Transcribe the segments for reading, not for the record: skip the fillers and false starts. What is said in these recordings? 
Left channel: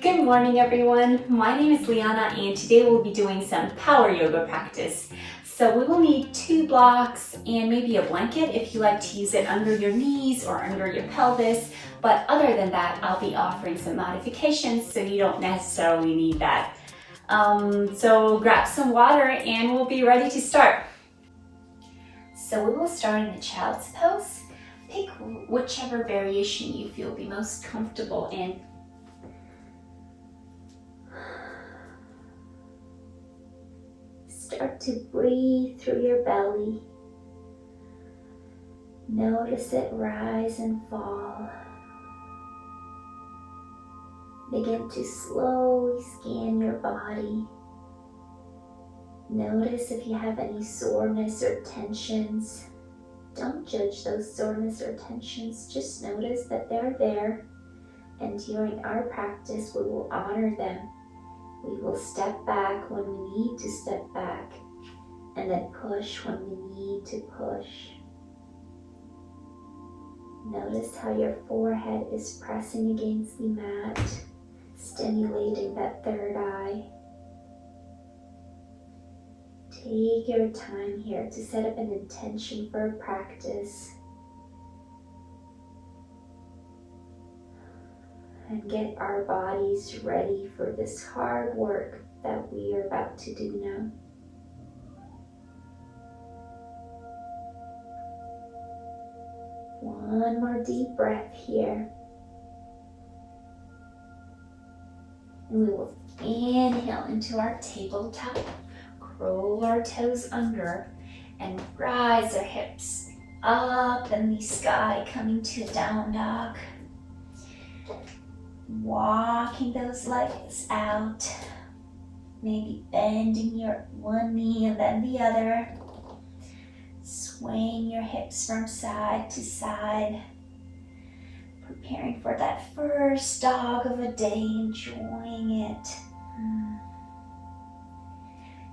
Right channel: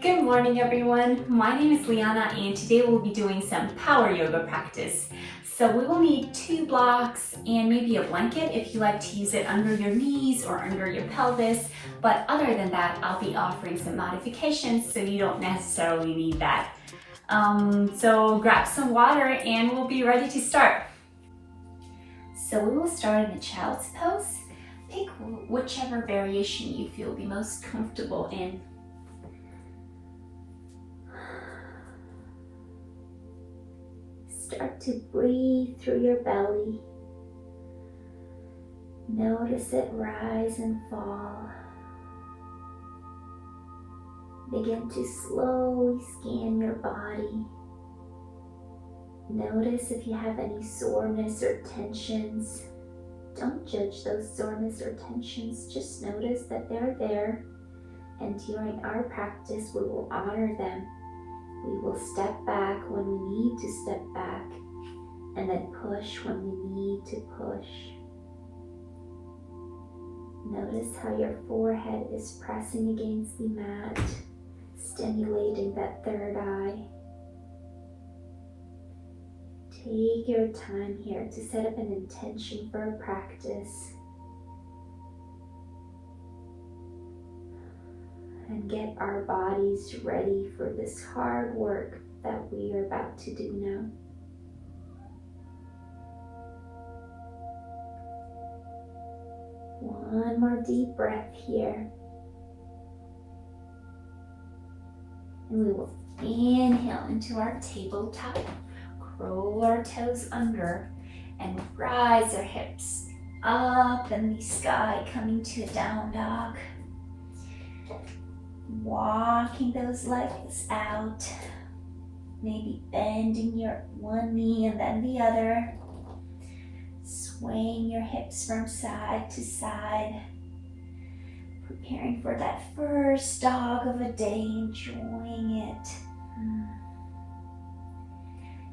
Good morning, everyone. My name is Liana, and today we'll be doing some power yoga practice. So we will need 2 blocks and maybe a blanket if you like to use it under your knees or under your pelvis. But other than that, I'll be offering some modifications so you don't necessarily need that. So grab some water and we'll be ready to start. So we will start in a child's pose. Pick whichever variation you feel the most comfortable in. Start to breathe through your belly. Notice it rise and fall. Begin to slowly scan your body. Notice if you have any soreness or tensions. Don't judge those soreness or tensions, just notice that they're there, and during our practice we will honor them. We will step back when we need to step back, and then push when we need to push. Notice how your forehead is pressing against the mat, stimulating that third eye. Take your time here to set up an intention for a practice and get our bodies ready for this hard work that we are about to do now. One more deep breath here. And we will inhale into our tabletop, curl our toes under, and rise our hips up in the sky, coming to a down dog. Walking those legs out, maybe bending your one knee and then the other. Swaying your hips from side to side. Preparing for that first dog of a day, enjoying it.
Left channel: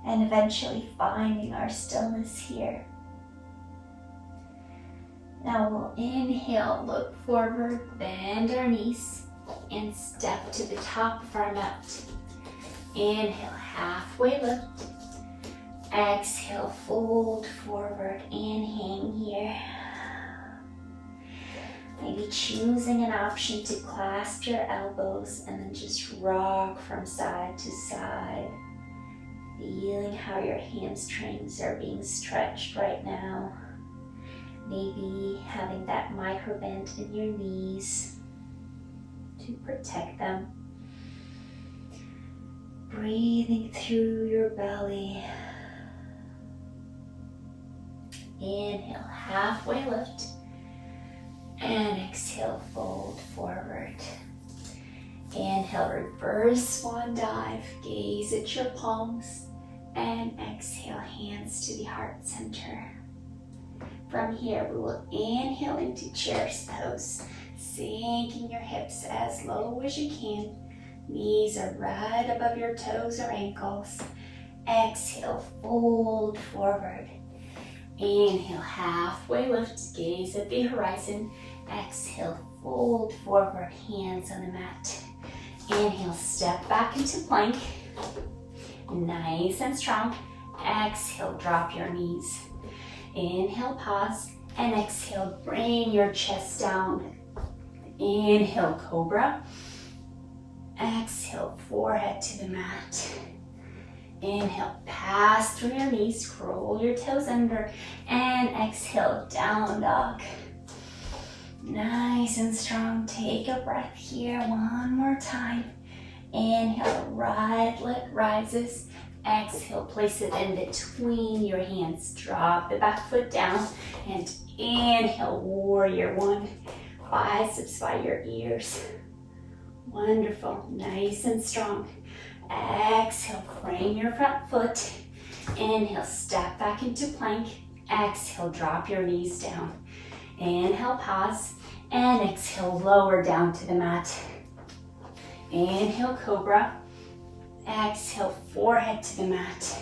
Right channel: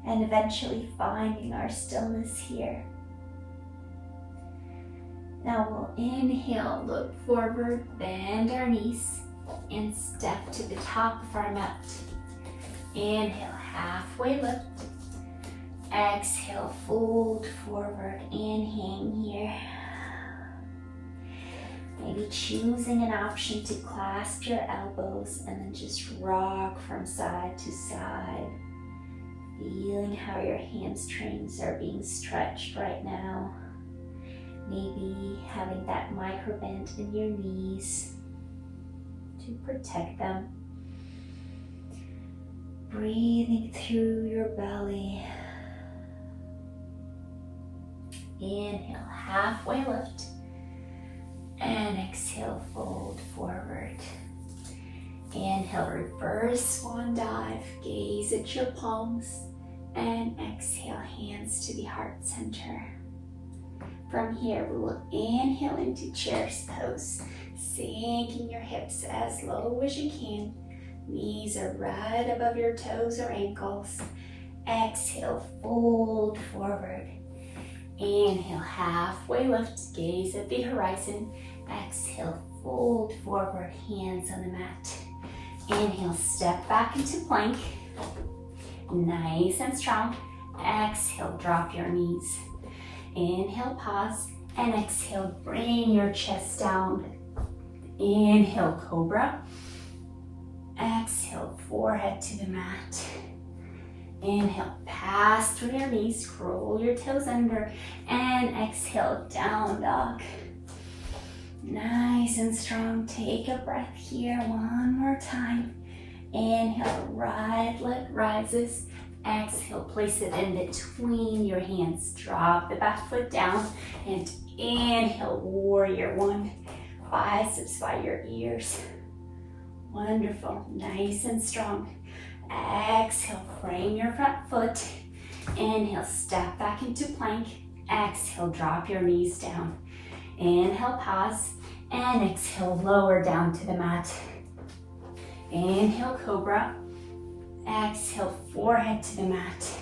And eventually finding our stillness here. Now we'll inhale, look forward, bend our knees, and step to the top of our mat. Inhale, halfway lift. Exhale, fold forward and hang here. Maybe choosing an option to clasp your elbows and then just rock from side to side. Feeling how your hamstrings are being stretched right now. Maybe having that micro bend in your knees to protect them. Breathing through your belly. Inhale, halfway lift, and exhale, fold forward. Inhale, reverse swan dive, gaze at your palms, and exhale, hands to the heart center. From here, we will inhale into child's pose, sinking your hips as low as you can. Knees are right above your toes or ankles. Exhale, fold forward. Inhale, halfway lift, gaze at the horizon. Exhale, fold forward, hands on the mat. Inhale, step back into plank. Nice and strong. Exhale, drop your knees. Inhale, pause, and exhale, bring your chest down. Inhale, cobra. Exhale, forehead to the mat. Inhale, pass through your knees, curl your toes under, and exhale, down dog. Nice and strong. Take a breath here one more time. Inhale, right leg rises. Exhale, place it in between your hands. Drop the back foot down and inhale, warrior one. Biceps by your ears. Wonderful, nice and strong. Exhale, frame your front foot. Inhale, step back into plank. Exhale, drop your knees down. Inhale, pause, and exhale, lower down to the mat. Inhale, cobra. Exhale, forehead to the mat.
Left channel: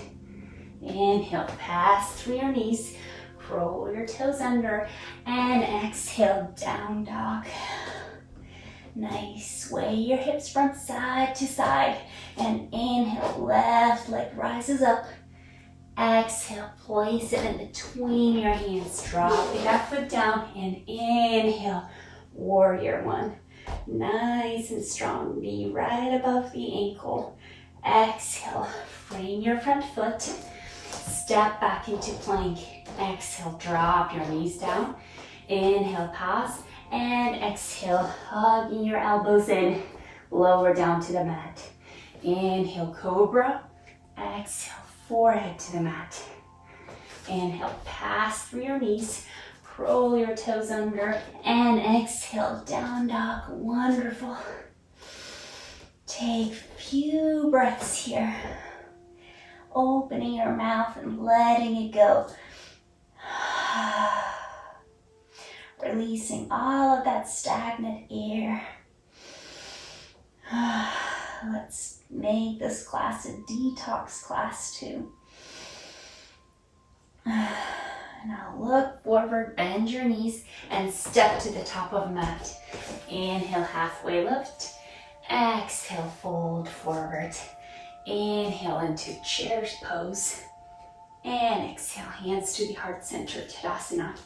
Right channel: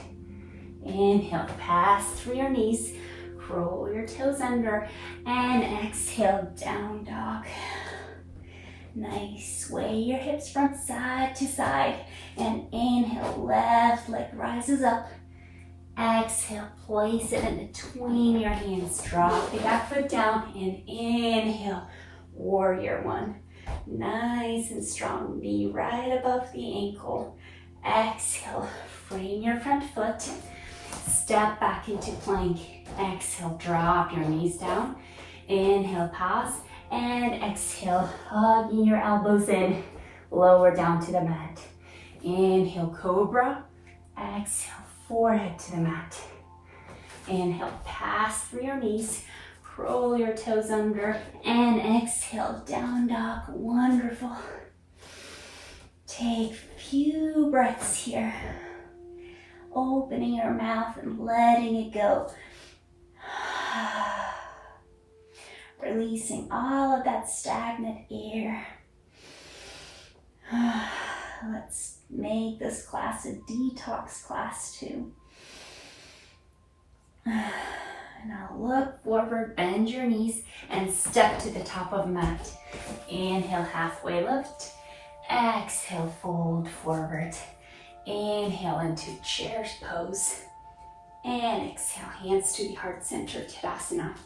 Inhale, pass through your knees, curl your toes under, and exhale, down dog. Nice. Sway your hips from side to side. And inhale, left leg rises up. Exhale, place it in between your hands. Drop the back foot down and inhale, warrior one. Nice and strong, knee right above the ankle. Exhale, frame your front foot. Step back into plank. Exhale, drop your knees down. Inhale, pause. And exhale, hugging your elbows in. Lower down to the mat. Inhale, cobra. Exhale, forehead to the mat. Inhale, pass through your knees. Roll your toes under. And exhale, down dog. Wonderful. Take a few breaths here. Opening your mouth and letting it go. Releasing all of that stagnant air. Let's make this class a detox class too. Now look forward, bend your knees, and step to the top of the mat. Inhale, halfway lift. Exhale, fold forward. Inhale into chair pose. And exhale, hands to the heart center, Tadasana.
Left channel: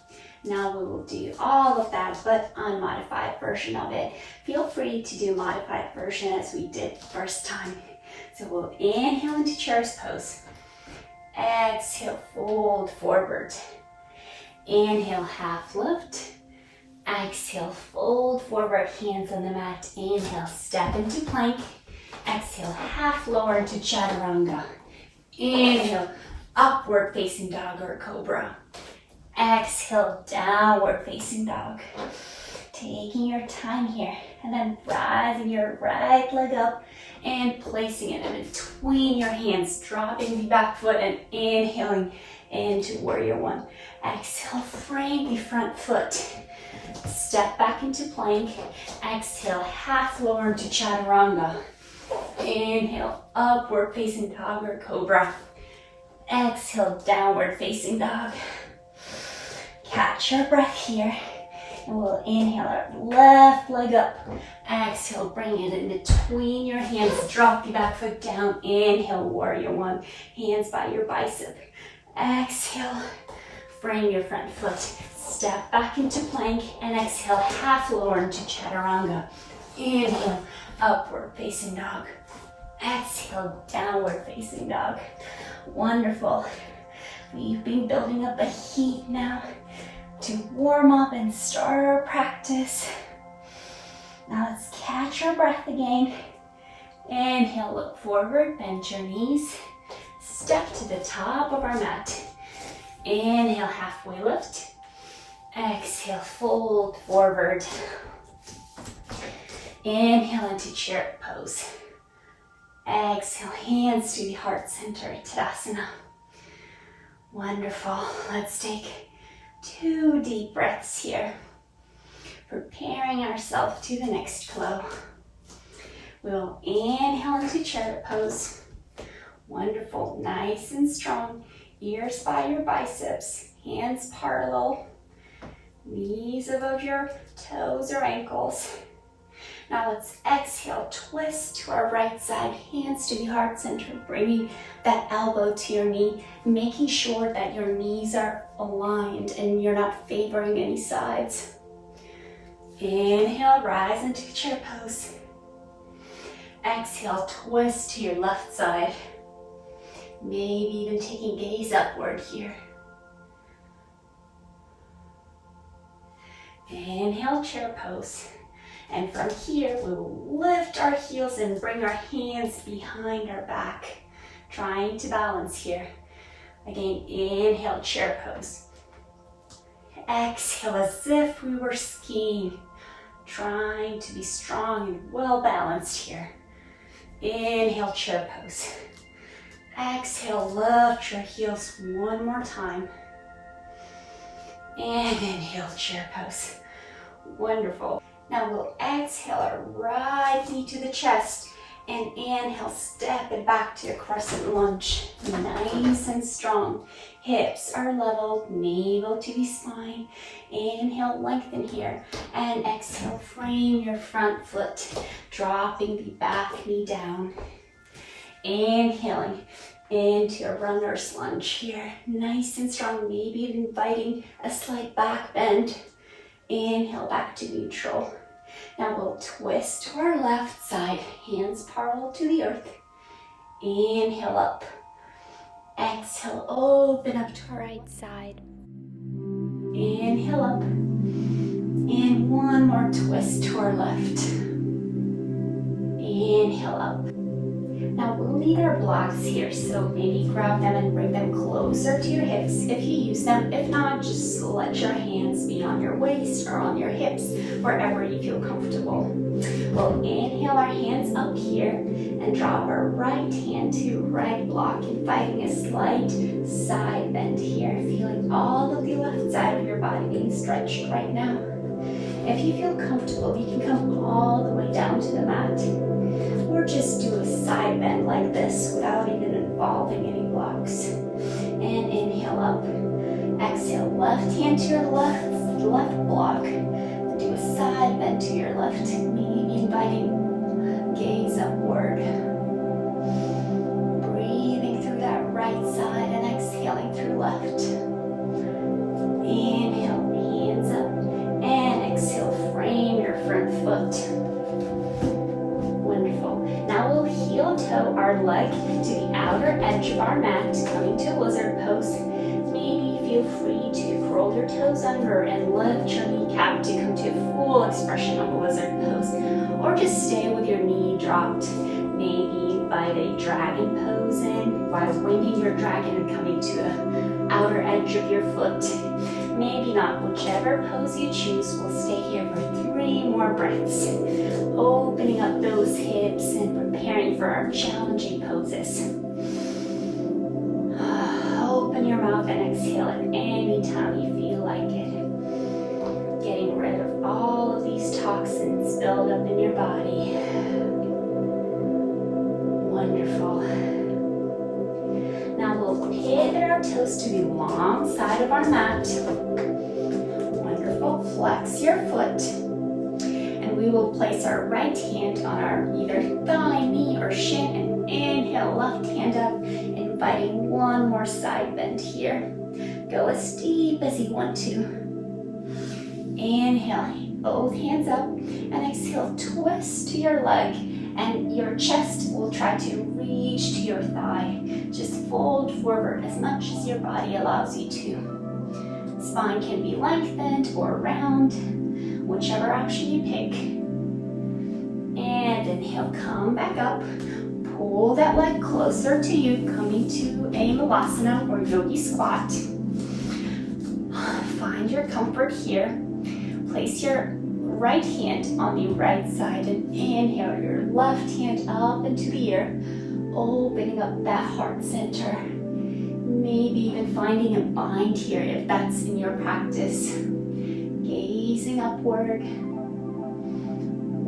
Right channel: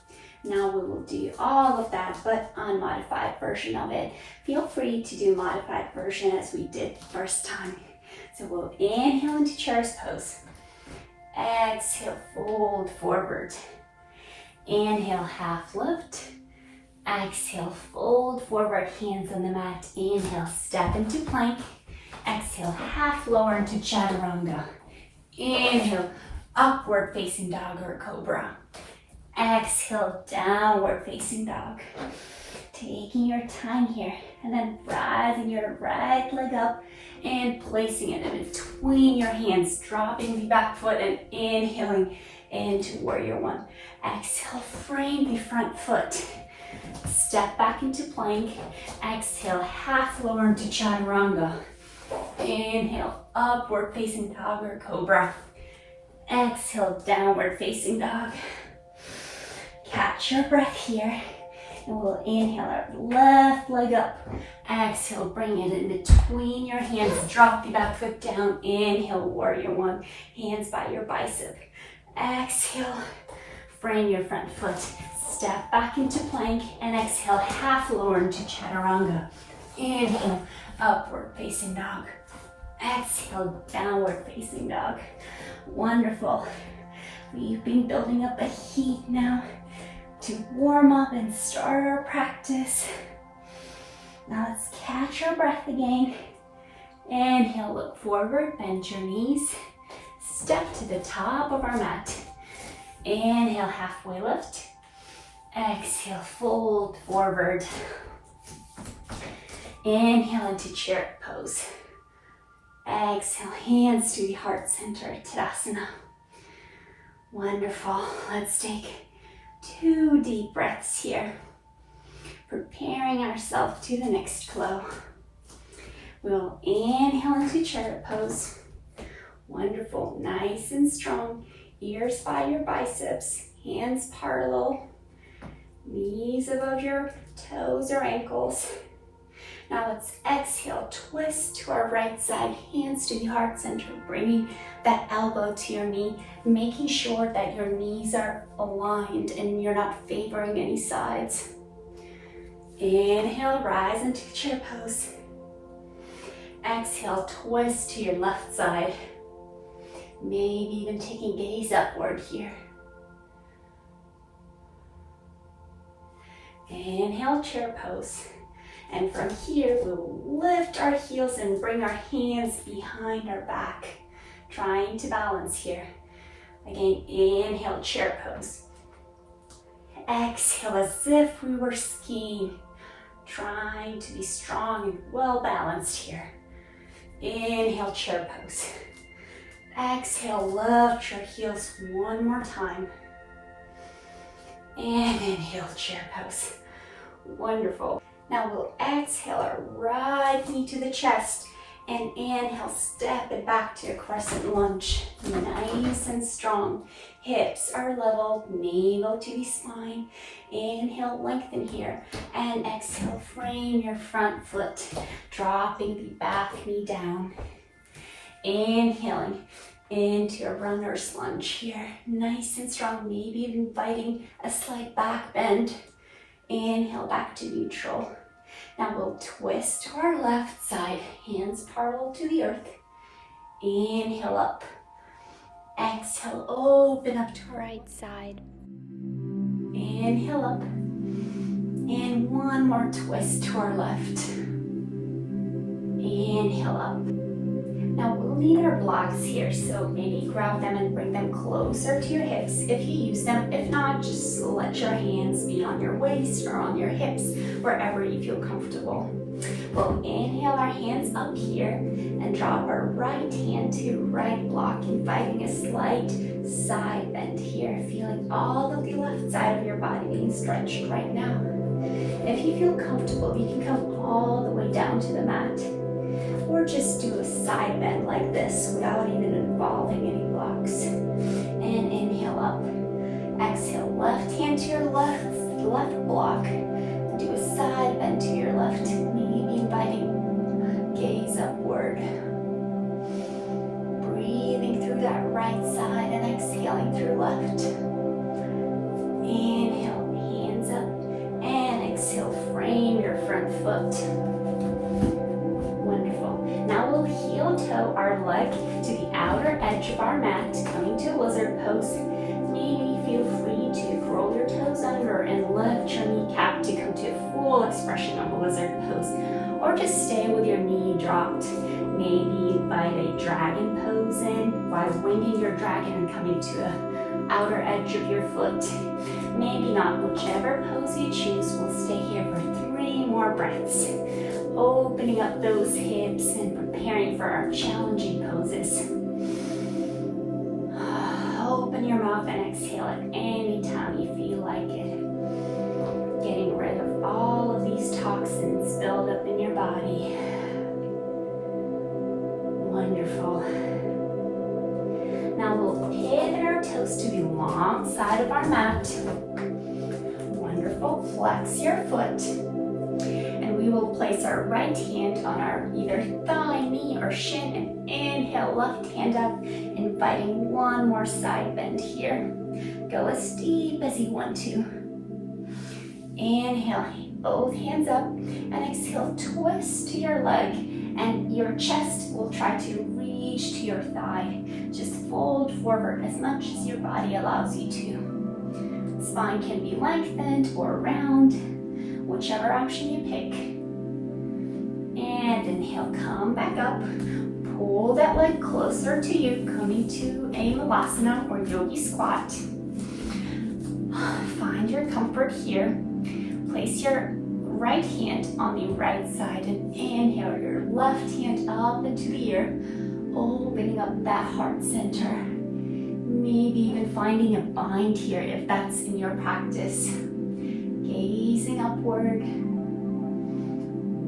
Now we will do all of that, but unmodified version of it. Feel free to do modified version as we did the first time. So we'll inhale into chair's pose. Exhale, fold forward. Inhale, half lift. Exhale, fold forward, hands on the mat. Inhale, step into plank. Exhale, half lower into chaturanga. Inhale, upward facing dog or cobra. Exhale, downward facing dog. Taking your time here, and then rising your right leg up and placing it in between your hands, dropping the back foot and inhaling into warrior one. Exhale, frame the front foot. Step back into plank. Exhale, half lower into chaturanga. Inhale, upward facing dog or cobra. Exhale, downward facing dog. Catch your breath here. And we'll inhale our left leg up. Exhale, bring it in between your hands. Drop the back foot down. Inhale, warrior one. Hands by your bicep. Exhale, frame your front foot. Step back into plank and exhale, half lower into chaturanga. Inhale, upward facing dog. Exhale, downward facing dog. Wonderful. We've been building up a heat now to warm up and start our practice. Now let's catch our breath again. Inhale, look forward, bend your knees. Step to the top of our mat. Inhale, halfway lift. Exhale, fold forward. Inhale into chair pose. Exhale, hands to the heart center, Tadasana. Wonderful. Let's take 2 deep breaths here. Preparing ourselves to the next flow. We'll inhale into chair pose. Wonderful, nice and strong. Ears by your biceps, hands parallel, knees above your toes or ankles. Now let's exhale, twist to our right side, hands to the heart center, bringing that elbow to your knee, making sure that your knees are aligned and you're not favoring any sides. Inhale, rise into chair pose. Exhale, twist to your left side. Maybe even taking gaze upward here. Inhale, chair pose. And from here, we'll lift our heels and bring our hands behind our back. Trying to balance here. Again, inhale, chair pose. Exhale, as if we were skiing. Trying to be strong and well balanced here. Inhale, chair pose. Exhale, lift your heels one more time. And inhale, chair pose. Wonderful. Now we'll exhale our right knee to the chest And inhale, step it back to a crescent lunge. Nice and strong. Hips are level, navel to the spine. Inhale, lengthen here. And exhale, frame your front foot, dropping the back knee down. Inhaling into a runner's lunge here. Nice and strong, maybe inviting a slight back bend. Inhale, back to neutral. Now we'll twist to our left side, hands parallel to the earth. Inhale up. Exhale, open up to our right side. Inhale up. And one more twist to our left. Inhale up. Now we'll need our blocks here, so maybe grab them and bring them closer to your hips if you use them. If not, just let your hands be on your waist or on your hips, wherever you feel comfortable. We'll inhale our hands up here and drop our right hand to right block, inviting a slight side bend here, feeling all of the left side of your body being stretched right now. If you feel comfortable, you can come all the way down to the mat. Or just do a side bend like this without even involving any blocks. And inhale up. Exhale, left hand to your left block. And do a side bend to your left, maybe inviting gaze upward. Breathing through that right side and exhaling through left. Inhale, hands up. And exhale, frame your front foot. Now we'll heel toe our leg to the outer edge of our mat, coming to lizard pose. Maybe feel free to curl your toes under and lift your kneecap to come to a full expression of a lizard pose. Or just stay with your knee dropped. Maybe invite a dragon pose in while winging your dragon and coming to the outer edge of your foot. Maybe not, whichever pose you choose. We'll stay here for 3 more breaths. Opening up those hips and preparing for our challenging poses. Open your mouth and exhale at any time you feel like it. Getting rid of all of these toxins built up in your body. Wonderful. Now we'll pivot our toes to the long side of our mat. Wonderful. Flex your foot. And we will place our right hand on our either thigh, knee, or shin, and inhale, left hand up, inviting one more side bend here. Go as deep as you want to. Inhale, both hands up, and exhale, twist to your leg, and your chest will try to reach to your thigh. Just fold forward as much as your body allows you to. Spine can be lengthened or round, whichever option you pick. And inhale, come back up. Pull that leg closer to you, coming to a malasana or yogi squat. Find your comfort here. Place your right hand on the right side and inhale your left hand up into the air, opening up that heart center. Maybe even finding a bind here if that's in your practice. Gazing upward.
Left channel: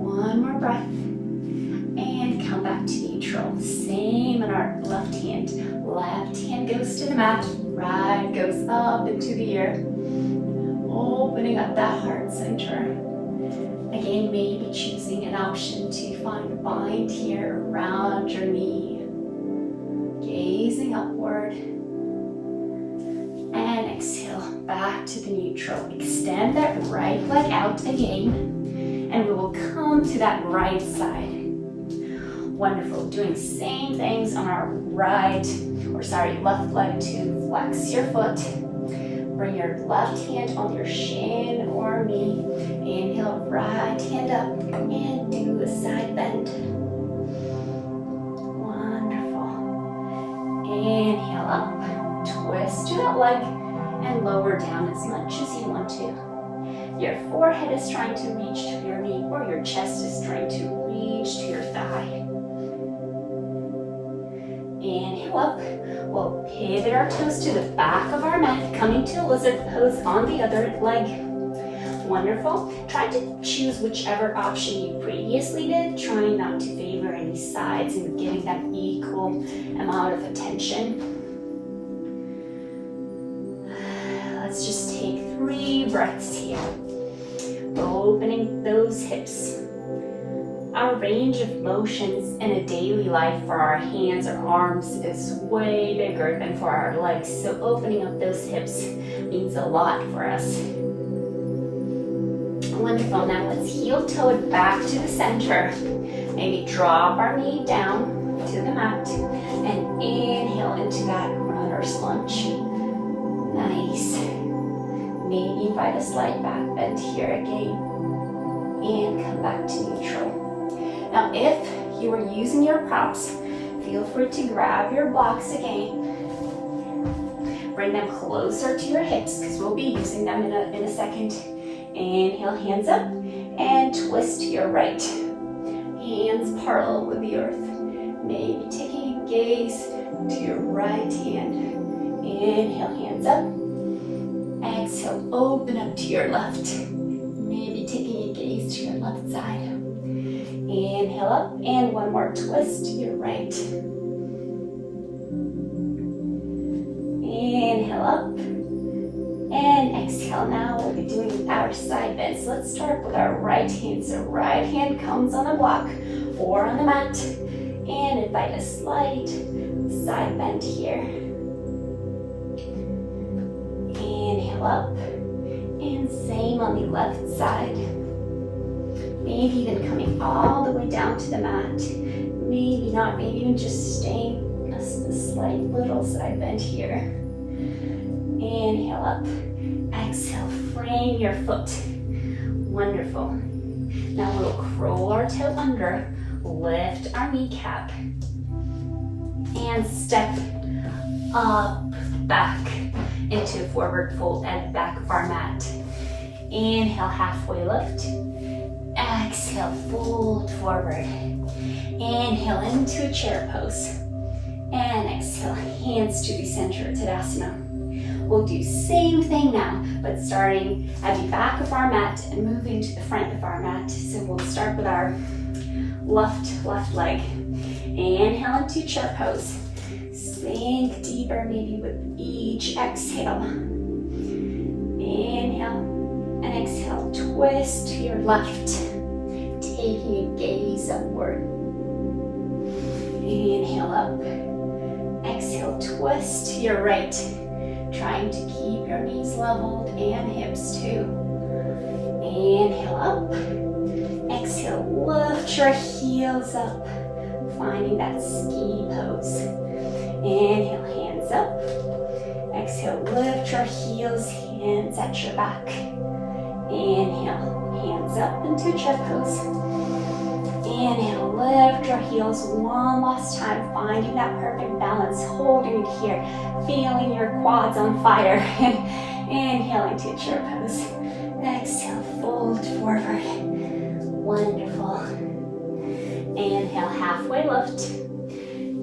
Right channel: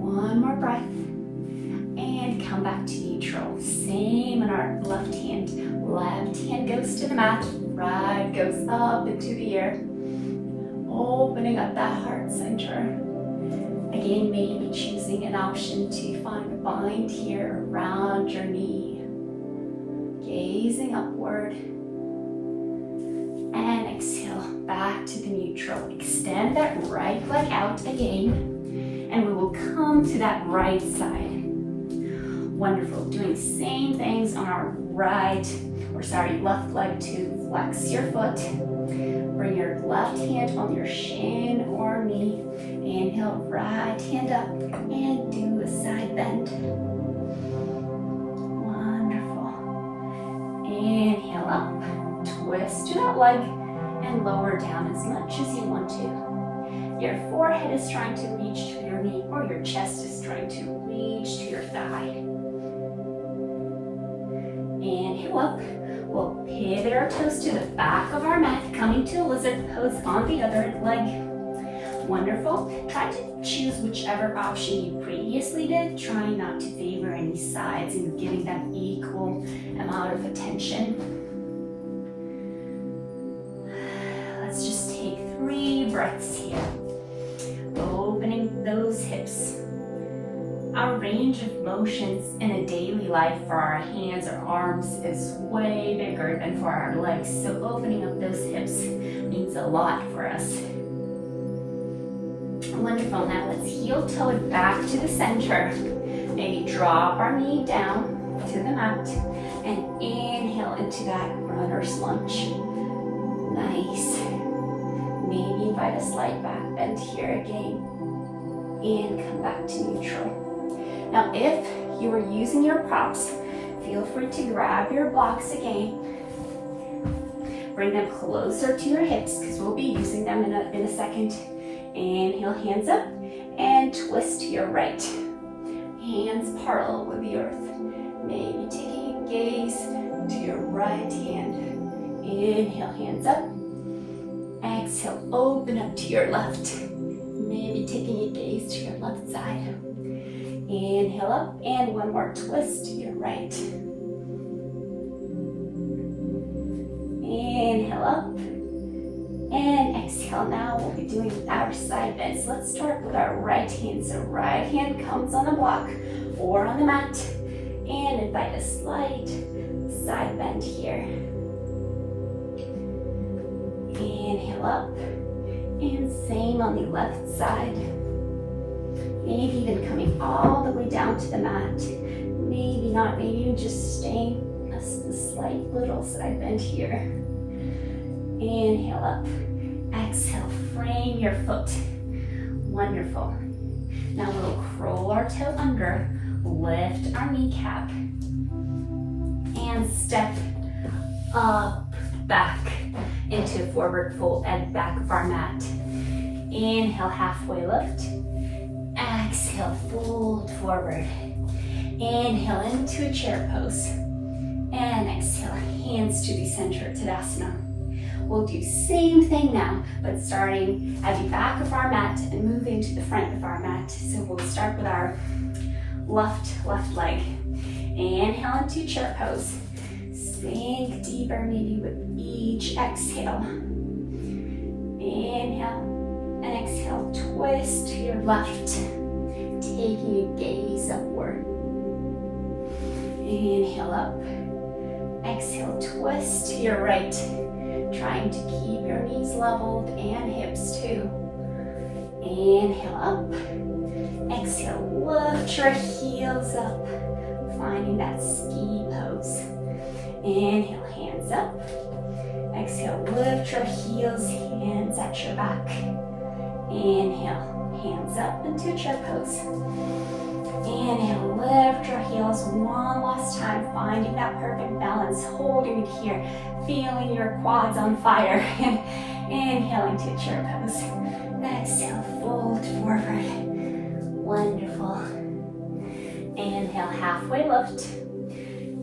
One more breath. And come back to neutral. Same on our left hand. Left hand goes to the mat. Right goes up into the air. Opening up that heart center. Again, maybe choosing an option to find a bind here around your knee. Gazing upward. And exhale back to the neutral. Extend that right leg out again. And we will come to that right side. Wonderful. Doing same things on our left leg to flex your foot. Bring your left hand on your shin or knee. Inhale, right hand up and do a side bend. Wonderful. Inhale up. Twist to that leg and lower down as much as you want to. Your forehead is trying to reach to your knee or your chest is trying to reach to your thigh. Inhale up. We'll pivot our toes to the back of our mat, coming to a lizard pose on the other leg. Wonderful. Try to choose whichever option you previously did, trying not to favor any sides and giving them equal amount of attention. Let's just take 3 breaths here. Opening those hips. Our range of motions in a daily life for our hands or arms is way bigger than for our legs, so opening up those hips means a lot for us. Wonderful. Now let's heel toe it back to the center. Maybe drop our knee down to the mat and inhale into that runner's lunge. Nice. Maybe invite a slight back bend here again and come back to neutral. Now if you are using your props, feel free to grab your blocks again. Bring them closer to your hips because we'll be using them in a second. Inhale, hands up, and twist to your right. Hands parallel with the earth. Maybe taking a gaze to your right hand. Inhale, hands up. Exhale, open up to your left. Maybe taking a gaze to your left side. Inhale up, and one more twist to your right. Inhale up. And exhale. Now we'll be doing our side bends. Let's start with our right hand. So right hand comes on the block or on the mat. And invite a slight side bend here. Inhale up. And same on the left side. Maybe even coming all the way down to the mat. Maybe not, maybe even just staying a slight little side bend here. Inhale up. Exhale, frame your foot. Wonderful. Now we'll curl our toe under, lift our kneecap, and step up, back into forward fold at the back of our mat. Inhale, halfway lift. Exhale, fold forward. Inhale into a chair pose. And exhale, hands to the center of Tadasana. We'll do same thing now, but starting at the back of our mat and moving to the front of our mat. So we'll start with our left leg. Inhale into chair pose. Sink deeper, maybe with each exhale. Inhale and exhale, twist to your left, taking a gaze upward. Inhale up. Exhale, twist to your right. Trying to keep your knees leveled and hips too. Inhale up. Exhale, lift your heels up. Finding that ski pose. Inhale, hands up. Exhale, lift your heels, hands at your back. Inhale, hands up into chair pose. Inhale, lift your heels one last time, finding that perfect balance, holding it here, feeling your quads on fire. Inhaling to chair pose. Exhale, fold forward. Wonderful. Inhale, halfway lift.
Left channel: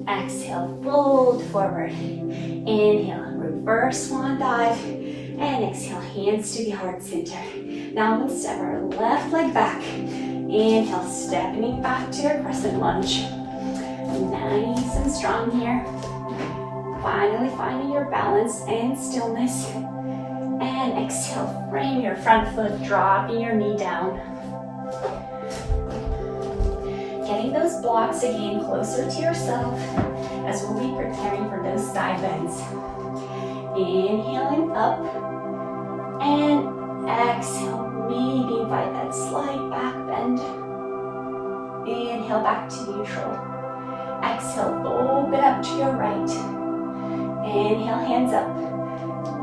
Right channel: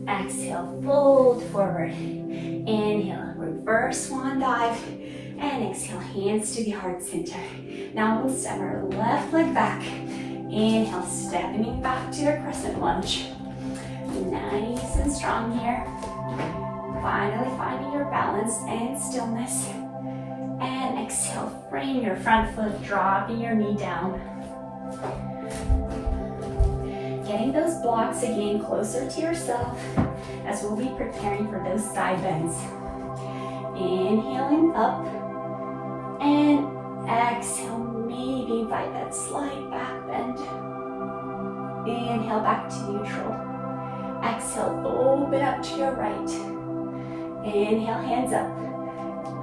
Exhale, fold forward. Inhale, reverse swan dive. And exhale, hands to the heart center. Now we'll step our left leg back. Inhale, stepping back to your crescent lunge. Nice and strong here. Finally finding your balance and stillness. And exhale, frame your front foot, dropping your knee down. Getting those blocks again closer to yourself as we'll be preparing for those side bends. Inhaling up and exhale, maybe invite that slight back bend. Inhale back to neutral. Exhale, open up to your right. Inhale, hands up.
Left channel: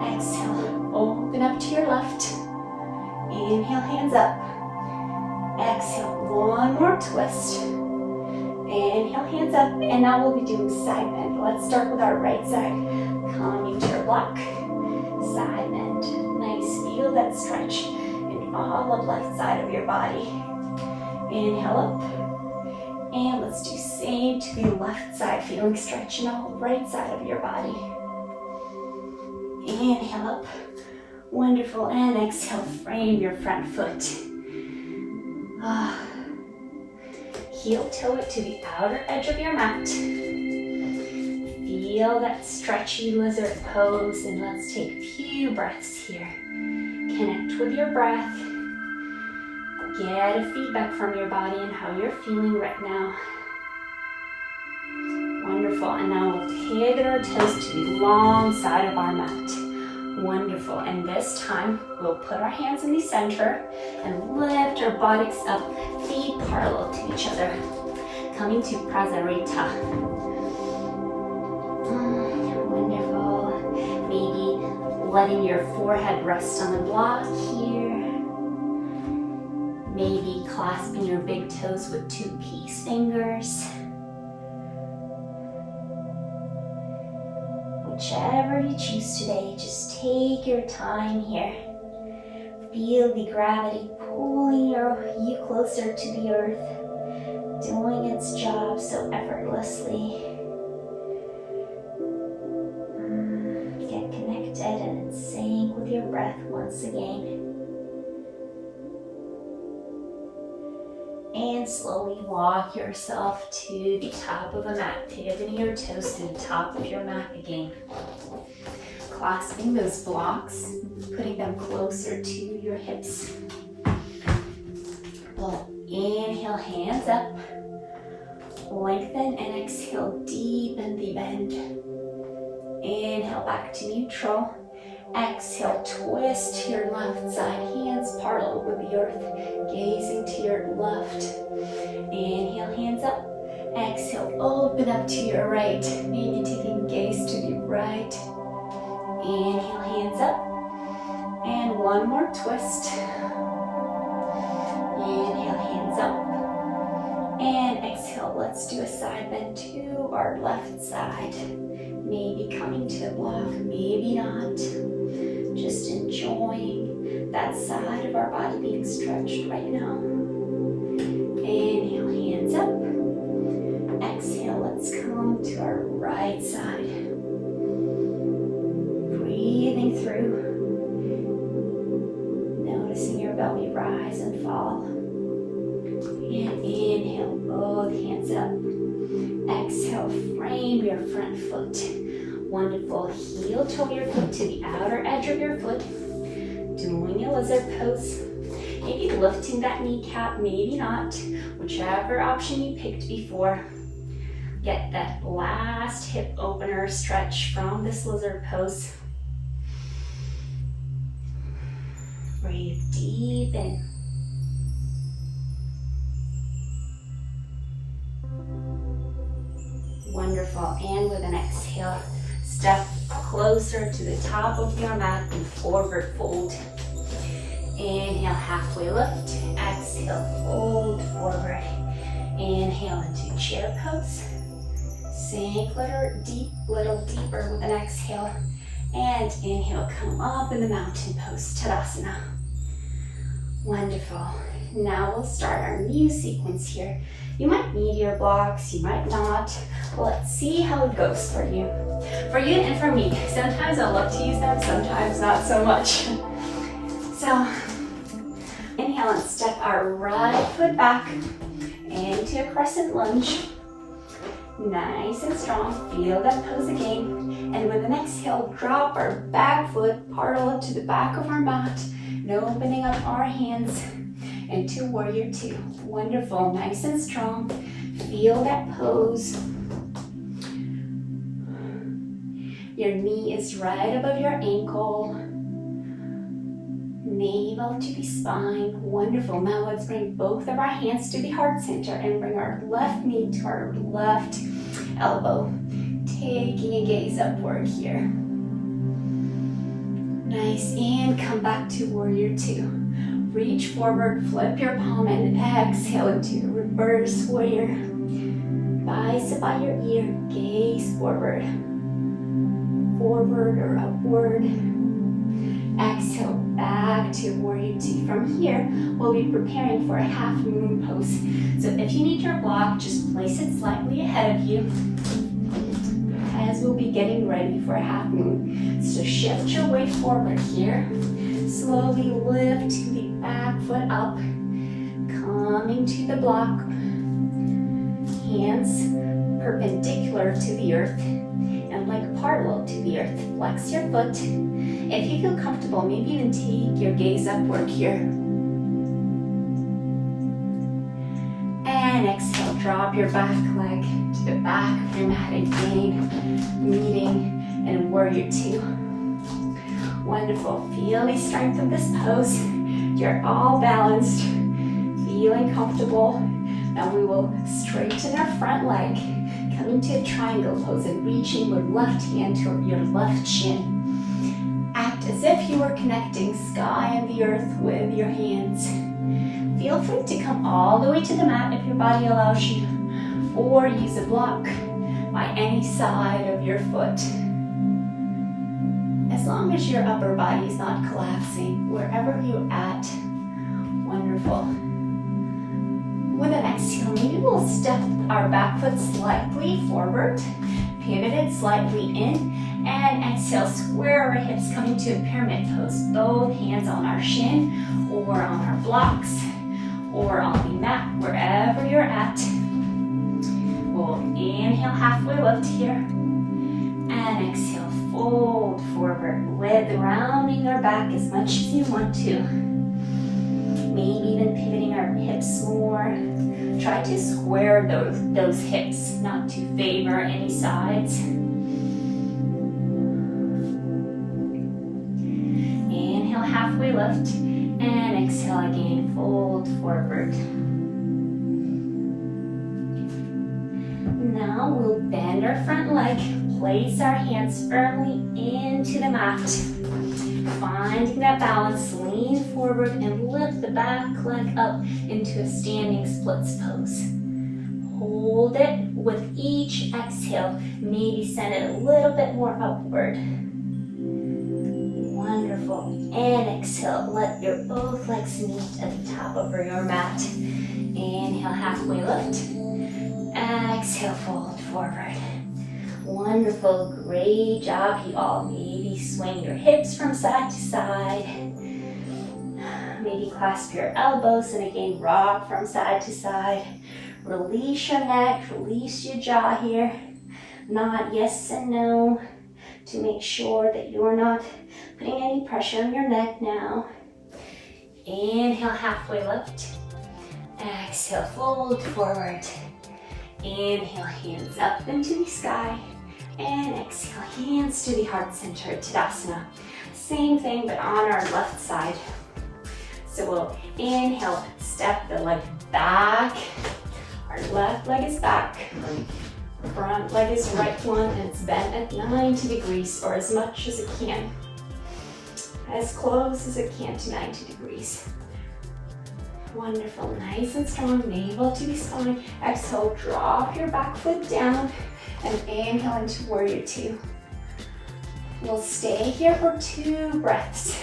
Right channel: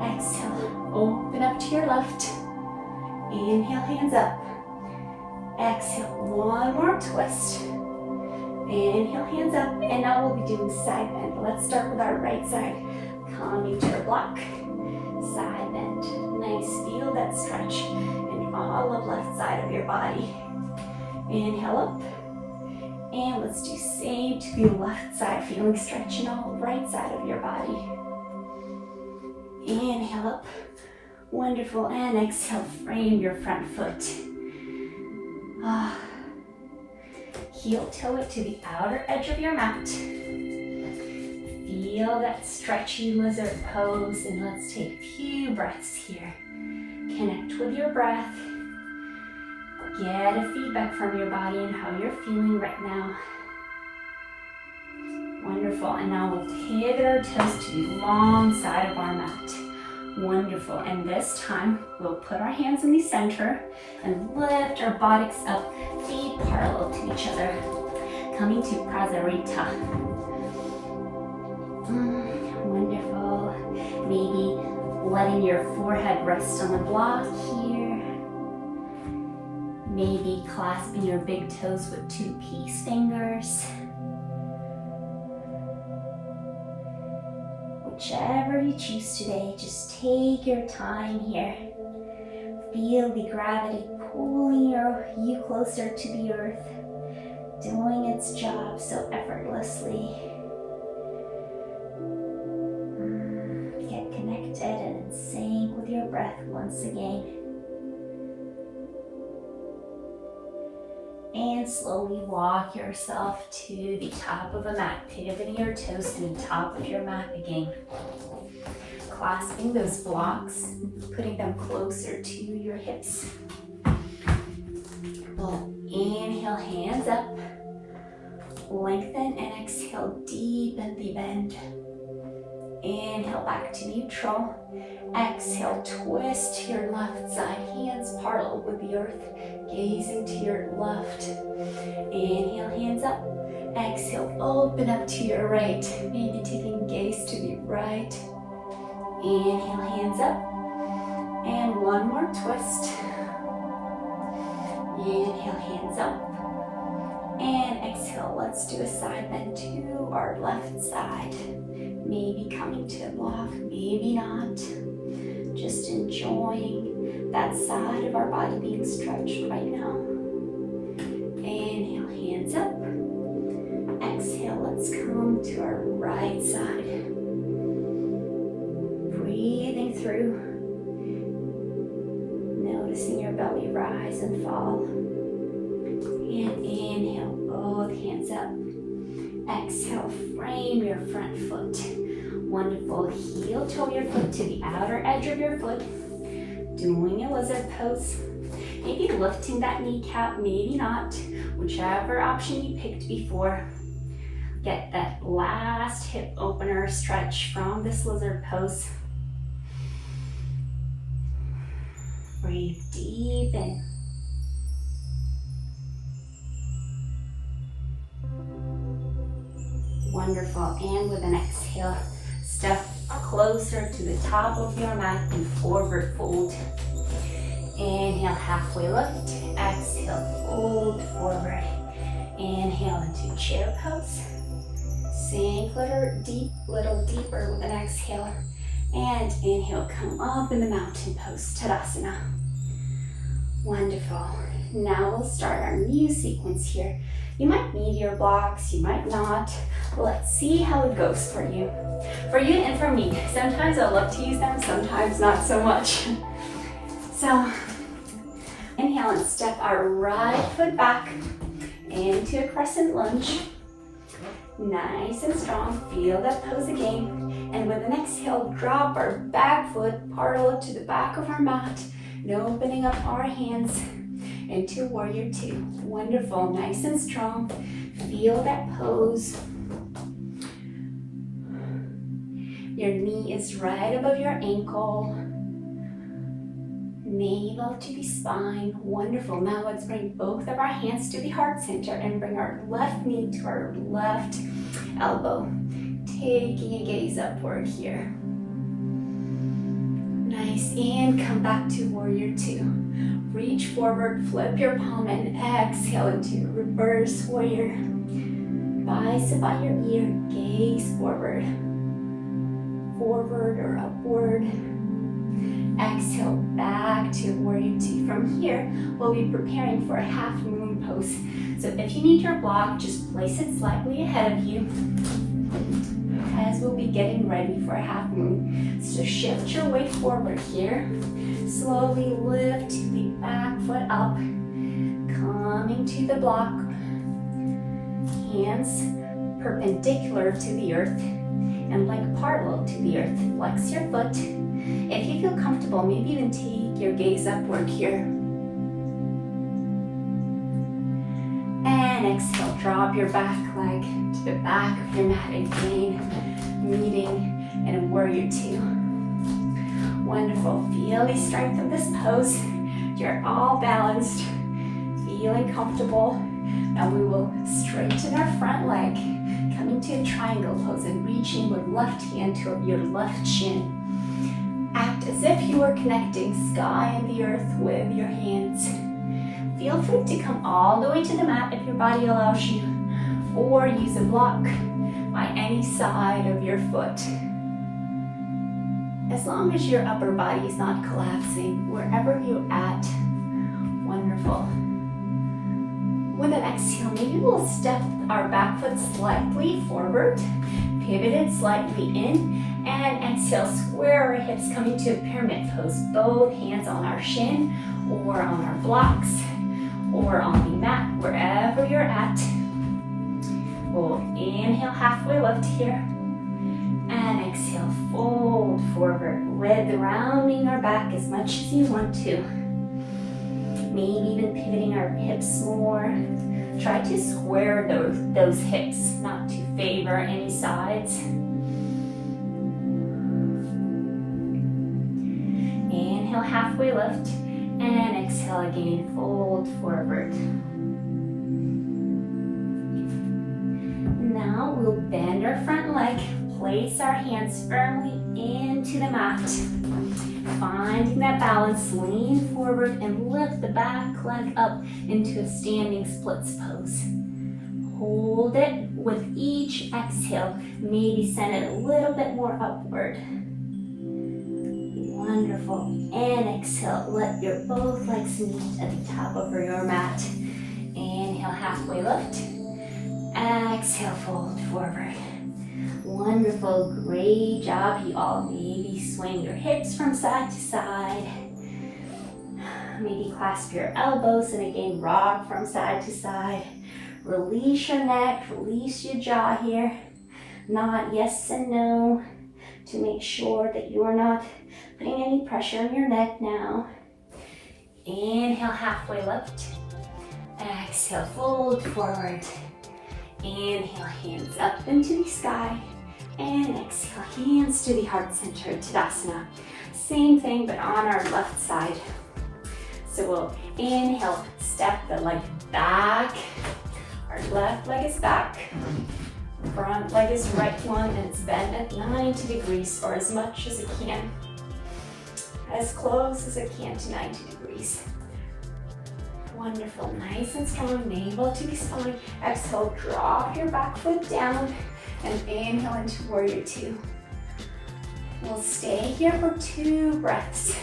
Exhale, open up to your left. Inhale, hands up. Exhale, one more twist. Inhale, hands up, and now we'll be doing side bend. Let's start with our right side. Coming to your block. Side bend. Nice, feel that stretch in all of left side of your body. Inhale up. And let's do same to the left side, feeling stretch in all right side of your body. Inhale up. Wonderful, and exhale, frame your front foot. Heel toe it to the outer edge of your mat. Feel that stretchy lizard pose, and let's take a few breaths here. Connect with your breath. Get a feedback from your body and how you're feeling right now. Wonderful, and now we'll pivot our toes to the long side of our mat. Wonderful, and this time we'll put our hands in the center and lift our buttocks up, feet parallel to each other, coming to Prasarita. Wonderful, maybe letting your forehead rest on the block here. Maybe clasping your big toes with 2 peace fingers. Whichever you choose today, just take your time here. Feel the gravity pulling you closer to the earth, doing its job so effortlessly. Get connected and in sync with your breath once again. And slowly walk yourself to the top of the mat, pivoting your toes to the top of your mat again. Clasping those blocks, putting them closer to your hips. Inhale, hands up. Lengthen and exhale, deepen the bend. Inhale, back to neutral. Exhale, twist to your left side, hands parallel with the earth, gazing to your left. Inhale, hands up. Exhale, open up to your right, maybe taking gaze to the right. Inhale, hands up. And one more twist. Inhale, hands up. And exhale, let's do a side bend to our left side. Maybe coming to a block, maybe not. Just enjoying that side of our body being stretched right now. Inhale, hands up. Exhale, let's come to our right side. Breathing through. Noticing your belly rise and fall. And inhale, both hands up. Exhale, frame your front foot. Wonderful, heel toe your foot to the outer edge of your foot. Doing a lizard pose. Maybe lifting that kneecap, maybe not. Whichever option you picked before. Get that last hip opener stretch from this lizard pose. Breathe deep in. Wonderful, and with an exhale, step closer to the top of your mat and forward fold. Inhale, halfway lift. Exhale, fold forward. Inhale into chair pose. Sink little deeper with an exhale. And inhale, come up in the mountain pose, Tadasana. Wonderful. Now we'll start our new sequence here. You might need your blocks, you might not. Let's see how it goes for you. For you and for me. Sometimes I love to use them, sometimes not so much. So, inhale and step our right foot back into a crescent lunge. Nice and strong, feel that pose again. And with an exhale, drop our back foot parallel to the back of our mat and opening up our hands into warrior 2. Wonderful, nice and strong. Feel that pose. Your knee is right above your ankle. Navel to the spine. Wonderful. Now let's bring both of our hands to the heart center and bring our left knee to our left elbow. Taking a gaze upward here. Nice, and come back to warrior 2. Reach forward, flip your palm, and exhale into reverse warrior. Bicep by your ear, gaze forward. Forward or upward. Exhale, back to warrior 2. From here, we'll be preparing for a half moon pose. So if you need your block, just place it slightly ahead of you. as we'll be getting ready for a half moon. So shift your weight forward here. Slowly lift the back foot up, coming to the block. Hands perpendicular to the earth and like parallel to the earth. Flex your foot. If you feel comfortable, maybe even take your gaze upward here. And exhale, drop your back leg to the back of your mat again, meeting in a warrior two. Wonderful. Feel the strength of this pose. You're all balanced, feeling comfortable. Now we will straighten our front leg, coming to a triangle pose and reaching your left hand to your left shin. Act as if you were connecting sky and the earth with your hands. Feel free to come all the way to the mat if your body allows you, or use a block by any side of your foot. As long as your upper body is not collapsing, wherever you're at. Wonderful. With an exhale, maybe we'll step our back foot slightly forward, pivot it slightly in, and exhale, square our hips, coming to a pyramid pose. Both hands on our shin, or on our blocks, or on the mat, wherever you're at. We'll inhale, halfway lift here, and exhale, fold forward, rounding our back as much as you want to. Maybe even pivoting our hips more. Try to square those hips, not to favor any sides. Inhale, halfway lift, and exhale again, fold forward. Now we'll bend our front leg, place our hands firmly into the mat. Finding that balance, lean forward and lift the back leg up into a standing splits pose. Hold it with each exhale, maybe send it a little bit more upward. Wonderful. And exhale, let your both legs meet at the top of your mat. Inhale, halfway lift. Exhale, fold forward. Wonderful, great job, you all. Maybe swing your hips from side to side. Maybe clasp your elbows and again rock from side to side. Release your neck, release your jaw here. Nod yes and no to make sure that you are not putting any pressure on your neck now. Inhale, halfway lift. Exhale, fold forward. Inhale, hands up into the sky. And exhale, hands to the heart center, Tadasana. Same thing, but on our left side. So we'll inhale, step the leg back. Our left leg is back. Front leg is right one, and it's bent at 90 degrees, or as much as it can. As close as it can to 90 degrees. Wonderful, nice and strong, navel to the spine. Exhale, drop your back foot down. And inhale into warrior two. We'll stay here for 2 breaths.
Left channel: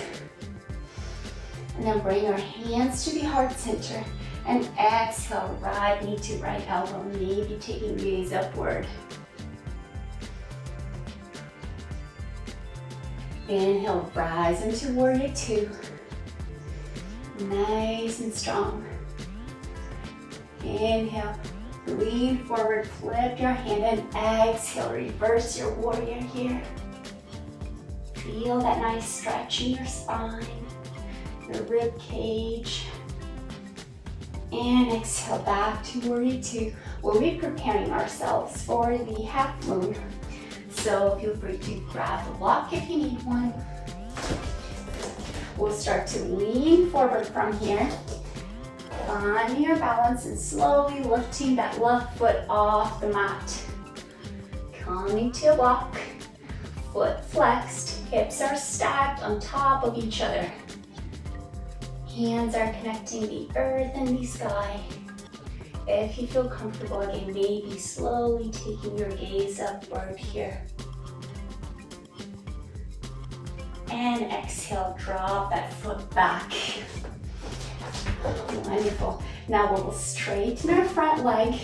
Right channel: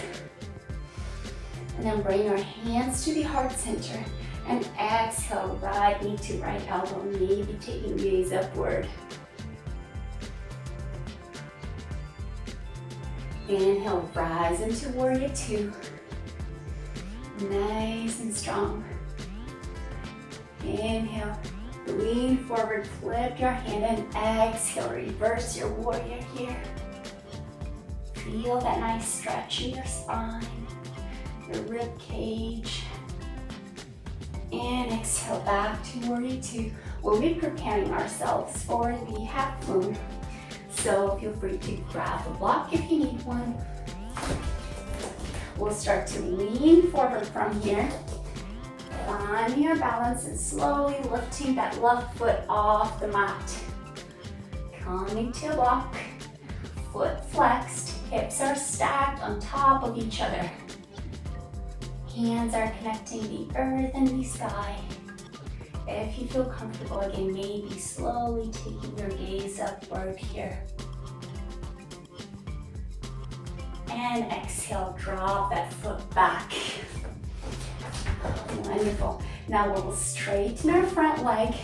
And then bring our hands to the heart center. And exhale, right knee to right elbow, maybe taking gaze upward. Inhale, rise into warrior two. Nice and strong. Inhale. Lean forward, flip your hand, and exhale, reverse your warrior here. Feel that nice stretch in your spine, your rib cage. And exhale, back to warrior two. We'll be preparing ourselves for the half moon. So feel free to grab a block if you need one. We'll start to lean forward from here. Finding your balance and slowly lifting that left foot off the mat. Coming to a block, foot flexed, hips are stacked on top of each other. Hands are connecting the earth and the sky. If you feel comfortable again, maybe slowly taking your gaze upward here. And exhale, drop that foot back. Wonderful. Now we'll straighten our front leg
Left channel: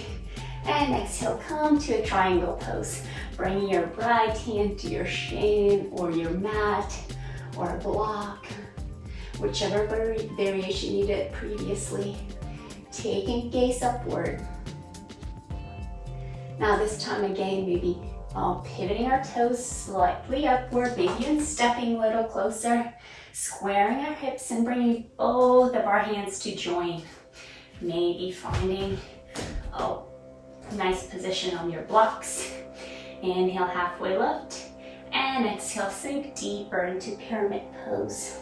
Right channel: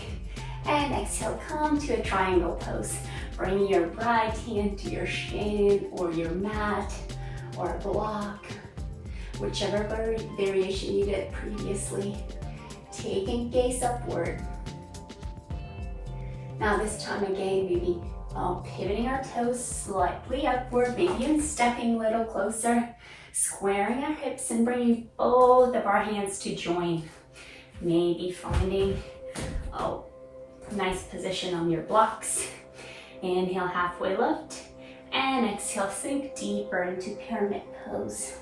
And exhale, come to a triangle pose. Bring your right hand to your shin or your mat or block, whichever variation you did previously. Taking gaze upward. Now this time again, maybe pivoting our toes slightly upward, maybe even stepping a little closer, squaring our hips and bringing both of our hands to join. Maybe finding a nice position on your blocks. Inhale, halfway lift, and exhale, sink deeper into pyramid pose.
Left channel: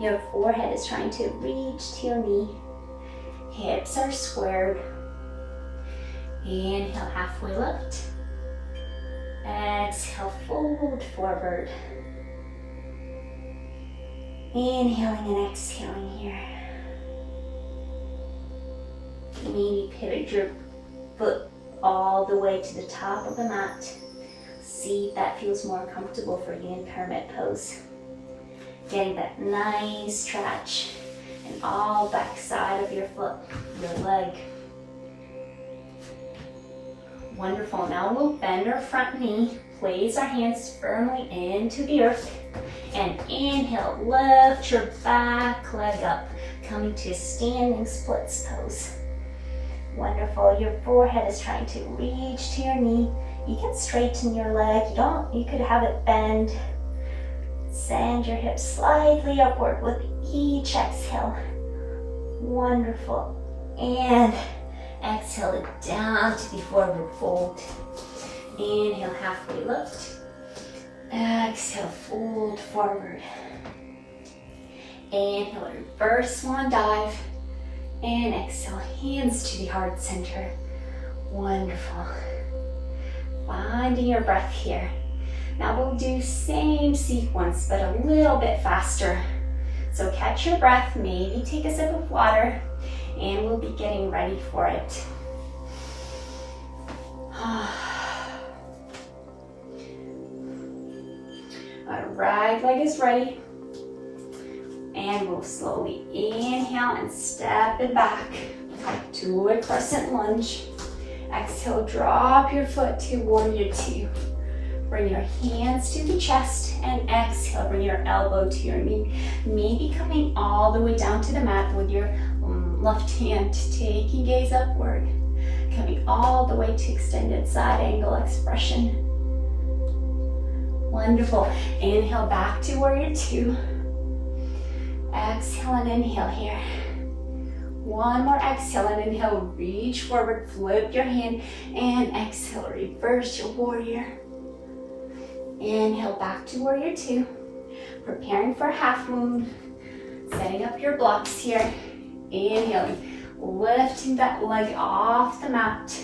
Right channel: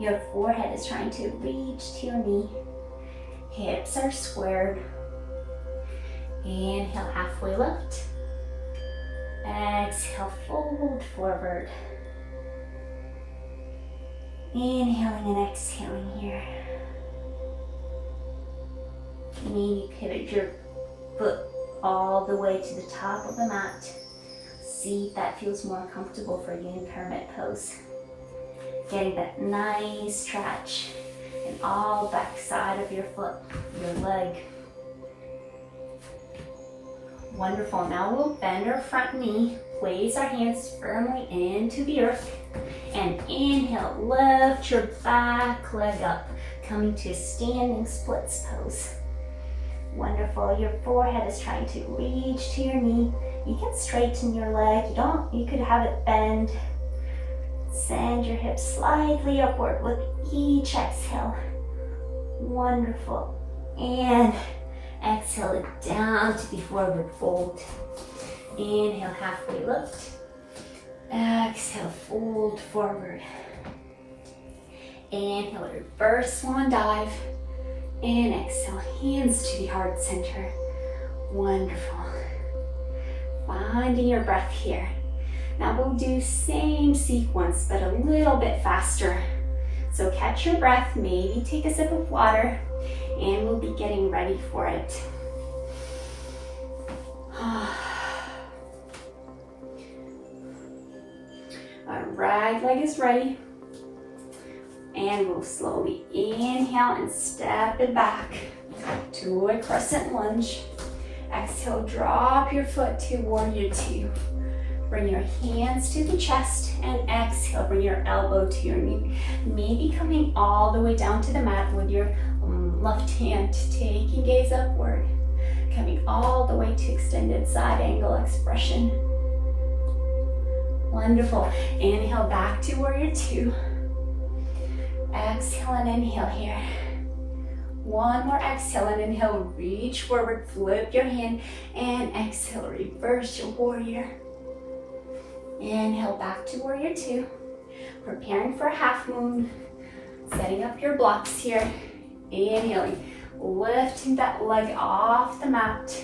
Your forehead is trying to reach to your knee. Hips are squared. Inhale, halfway lift. Exhale, fold forward. Inhaling and exhaling here. Maybe pivot your foot all the way to the top of the mat. See if that feels more comfortable for you in pyramid pose. Getting that nice stretch in all back side of your foot, your leg. Wonderful. Now we'll bend our front knee, place our hands firmly into the earth, and inhale, lift your back leg up, coming to standing splits pose. Wonderful. Your forehead is trying to reach to your knee. You can straighten your leg. You could have it bend. Send your hips slightly upward with each exhale. Wonderful. And exhale it down to the forward fold. Inhale, halfway lift. Exhale, fold forward. Inhale, reverse swan dive. And exhale, hands to the heart center. Wonderful. Finding your breath here. Now we'll do same sequence, but a little bit faster. So catch your breath, maybe take a sip of water, and we'll be getting ready for it. Our right leg is ready. And we'll slowly inhale and step it back to a crescent lunge. Exhale, drop your foot to warrior two. Bring your hands to the chest and exhale, bring your elbow to your knee. Maybe coming all the way down to the mat with your left hand, taking gaze upward. Coming all the way to extended side angle expression. Wonderful. Inhale back to warrior two. Exhale and inhale here. One more exhale and inhale, reach forward, flip your hand, and exhale, reverse your warrior. Inhale back to warrior two. Preparing for half moon. Setting up your blocks here. Inhaling, lifting that leg off the mat.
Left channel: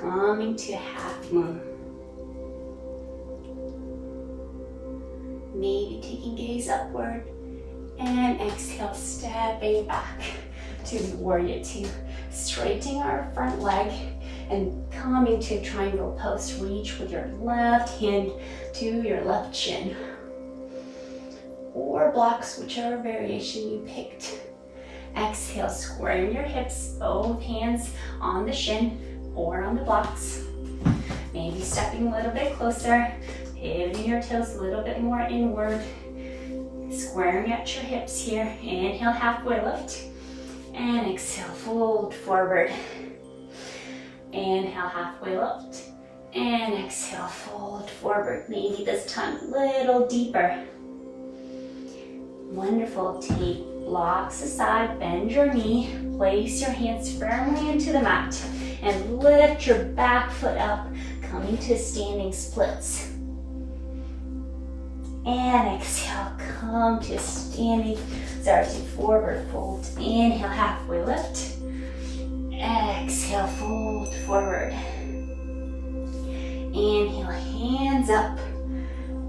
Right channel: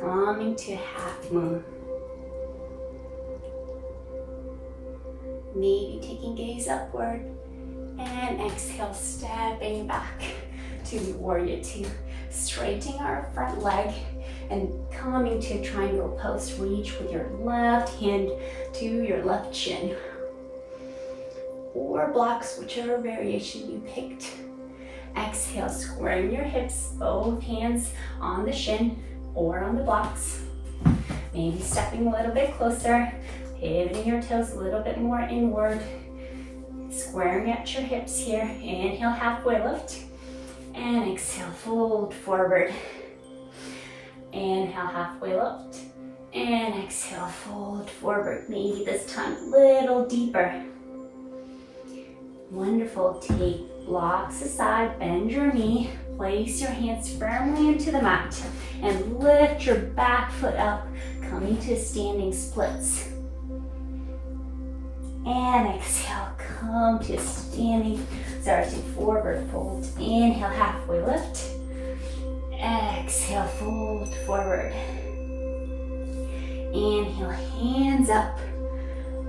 Coming to half moon. Maybe taking gaze upward. And exhale, stepping back to the warrior two. Straightening our front leg and coming to triangle pose. Reach with your left hand to your left shin. Or blocks, whichever variation you picked. Exhale, squaring your hips, both hands on the shin or on the blocks. Maybe stepping a little bit closer, pivoting your toes a little bit more inward. Squaring at your hips here. Inhale, halfway lift. And exhale, fold forward. Inhale, halfway lift. And exhale, fold forward. Maybe this time a little deeper. Wonderful. Take blocks aside, bend your knee. Place your hands firmly into the mat. And lift your back foot up, coming to standing splits. And exhale, come to standing, to forward fold. Inhale, halfway lift. Exhale, fold forward. Inhale, hands up.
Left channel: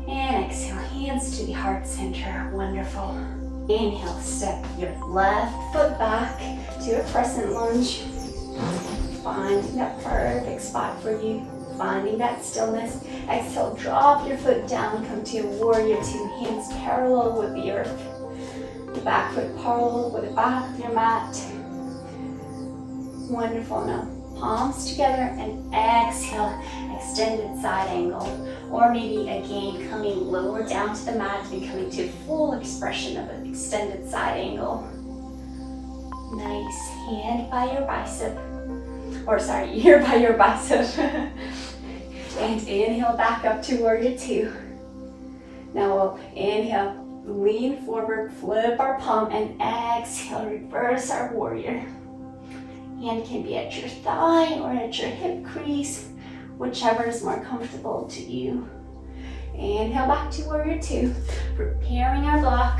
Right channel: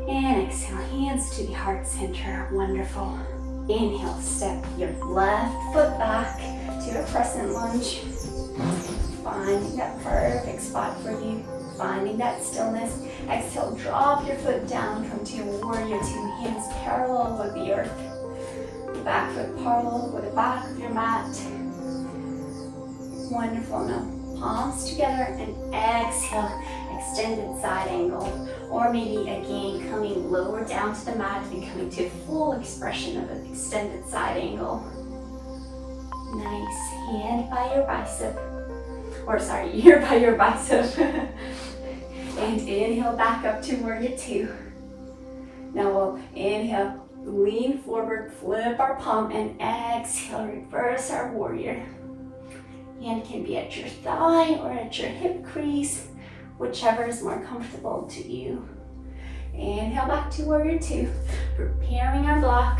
And exhale, hands to the heart center. Wonderful. Inhale, step your left foot back to a crescent lunge. Finding that perfect spot for you. Finding that stillness. Exhale, drop your foot down, come to warrior two, hands parallel with the earth. The back foot parallel with the back of your mat. Wonderful. Now palms together and exhale, extended side angle. Or maybe again, coming lower down to the mat and coming to full expression of an extended side angle. Nice. Hand by your bicep. Or sorry, ear by your bicep. And inhale back up to warrior two. Now we'll inhale, lean forward, flip our palm, and exhale, reverse our warrior. Hand can be at your thigh or at your hip crease, whichever is more comfortable to you. Inhale back to warrior two, preparing our block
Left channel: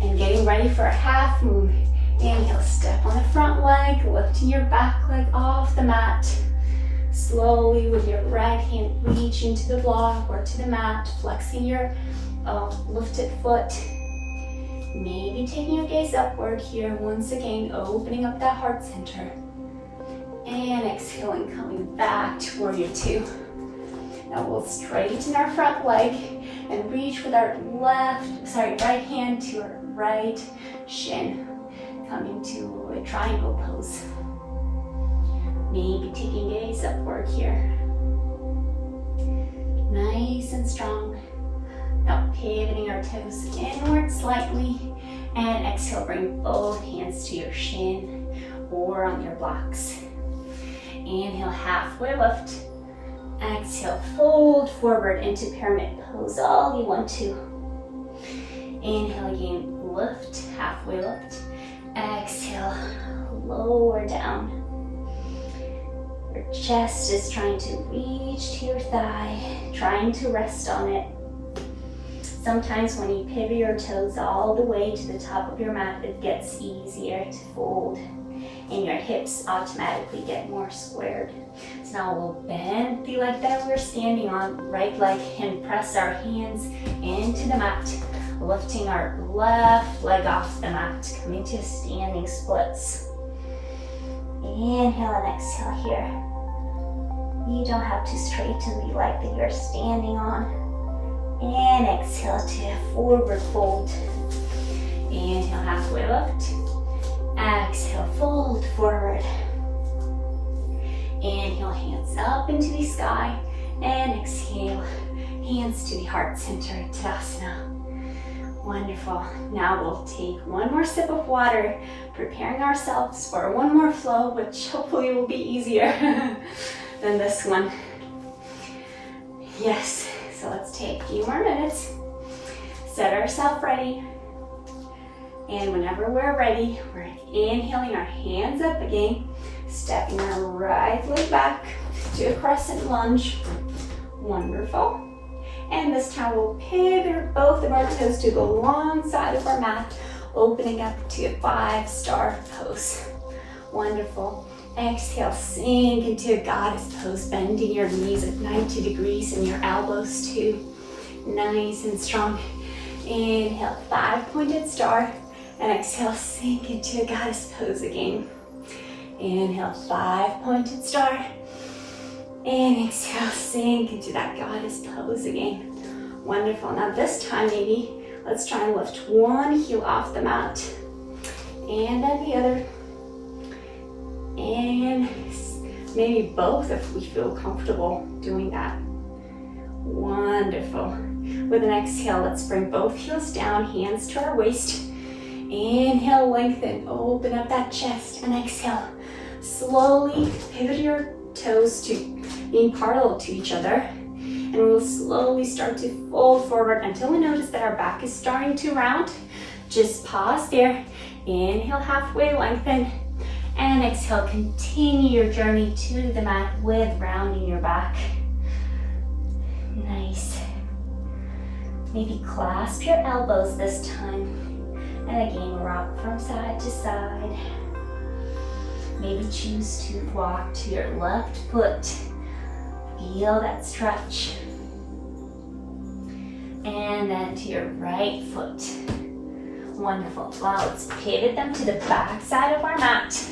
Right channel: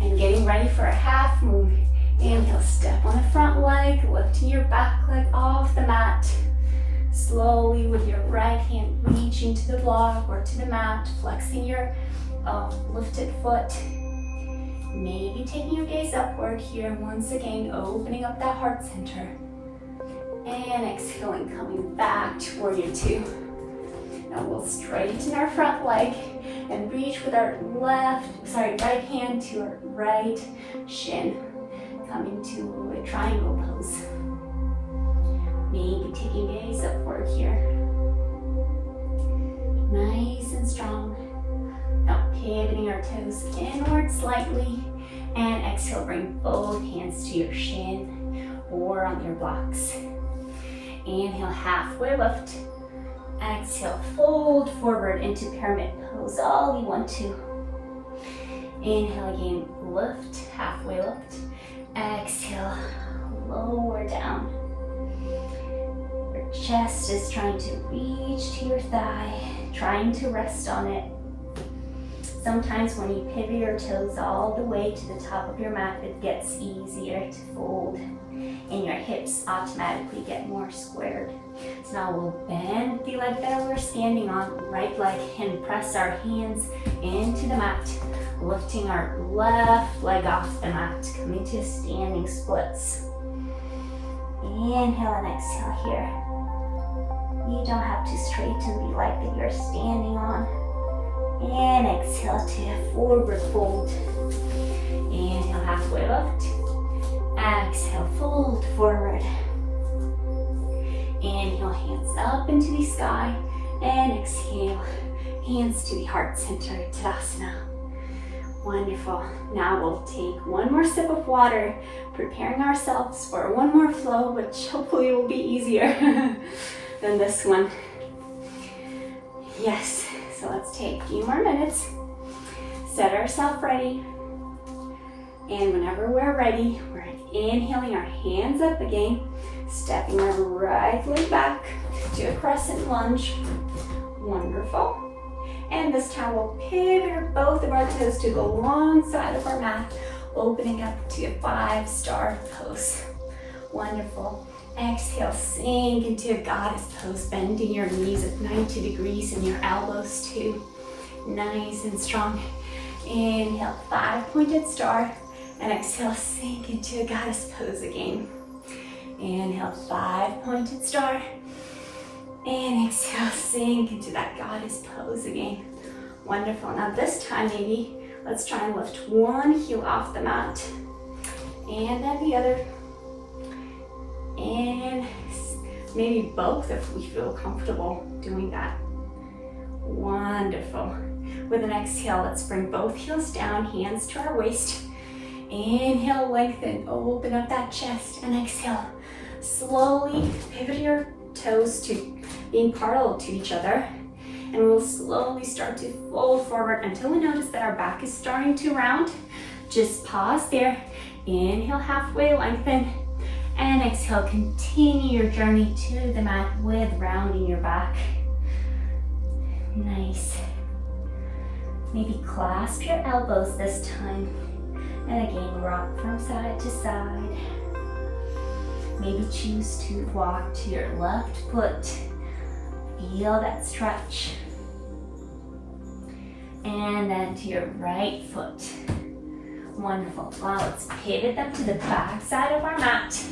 and getting ready for a half moon. Inhale, step on the front leg, lifting your back leg off the mat. Slowly with your right hand reaching to the block or to the mat, flexing your lifted foot. Maybe taking your gaze upward here, once again opening up that heart center. And exhaling, coming back to warrior two. Now we'll straighten our front leg and reach with our right hand to our right shin, coming to a triangle pose. Maybe taking gaze upward here. Nice and strong. Now pivoting our toes inward slightly, and exhale, bring both hands to your shin or on your blocks. Inhale, halfway lift. Exhale, fold forward into pyramid pose, all you want to. Inhale again, lift, halfway lift. Exhale, lower down. Your chest is trying to reach to your thigh, trying to rest on it. Sometimes when you pivot your toes all the way to the top of your mat, it gets easier to fold and your hips automatically get more squared. So now we'll bend the leg that we're standing on, right leg, and press our hands into the mat, lifting our left leg off the mat, coming to standing splits. Inhale and exhale here. You don't have to straighten the leg that you're standing on. And exhale to a forward fold. Inhale, halfway lift. Exhale, fold forward. Inhale, hands up into the sky. And exhale, hands to the heart center, Tadasana. Wonderful. Now we'll take one more sip of water, preparing ourselves for one more flow, which hopefully will be easier than this one. Yes. So let's take a few more minutes, set ourselves ready, and whenever we're ready, we're inhaling our hands up again, stepping our right leg back to a crescent lunge. Wonderful. And this time we'll pivot both of our toes to go alongside of our mat, opening up to a 5-star pose. Wonderful. Exhale, sink into a goddess pose, bending your knees at 90 degrees and your elbows too. Nice and strong. Inhale, 5-pointed star, and exhale, sink into a goddess pose again. Inhale, 5-pointed star, and exhale, sink into that goddess pose again. Wonderful. Now this time maybe let's try and lift one heel off the mat, and then the other. And maybe both if we feel comfortable doing that. Wonderful. With an exhale, let's bring both heels down, hands to our waist. Inhale, lengthen, open up that chest, and exhale. Slowly pivot your toes to being parallel to each other. And we'll slowly start to fold forward until we notice that our back is starting to round. Just pause there. Inhale, halfway lengthen. And exhale, continue your journey to the mat with rounding your back. Nice. Maybe clasp your elbows this time. And again, rock from side to side. Maybe choose to walk to your left foot. Feel that stretch. And then to your right foot. Wonderful. Wow, let's pivot them to the back side of our mat.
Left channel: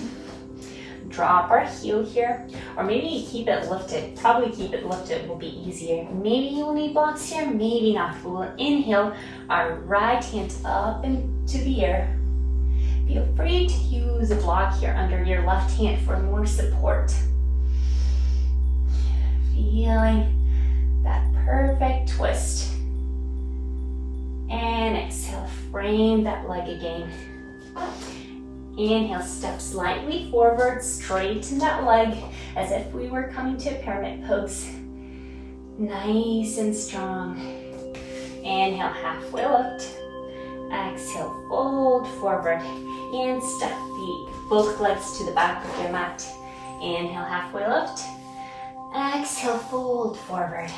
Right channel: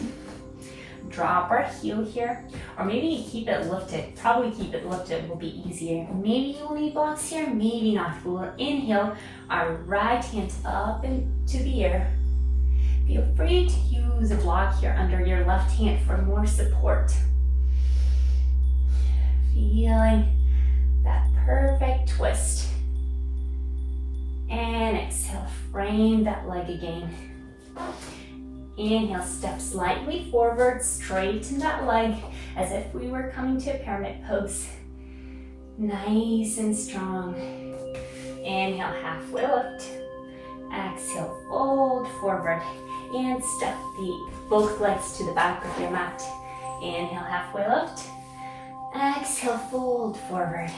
Drop our heel here, or maybe keep it lifted. Probably keep it lifted will be easier. Maybe you'll need blocks here, maybe not. We'll inhale our right hand up into the air. Feel free to use a block here under your left hand for more support. Feeling that perfect twist. And exhale, frame that leg again. Inhale, step slightly forward, straighten that leg as if we were coming to a pyramid pose. Nice and strong. Inhale, halfway lift. Exhale, fold forward and step both legs to the back of your mat. Inhale, halfway lift. Exhale, fold forward.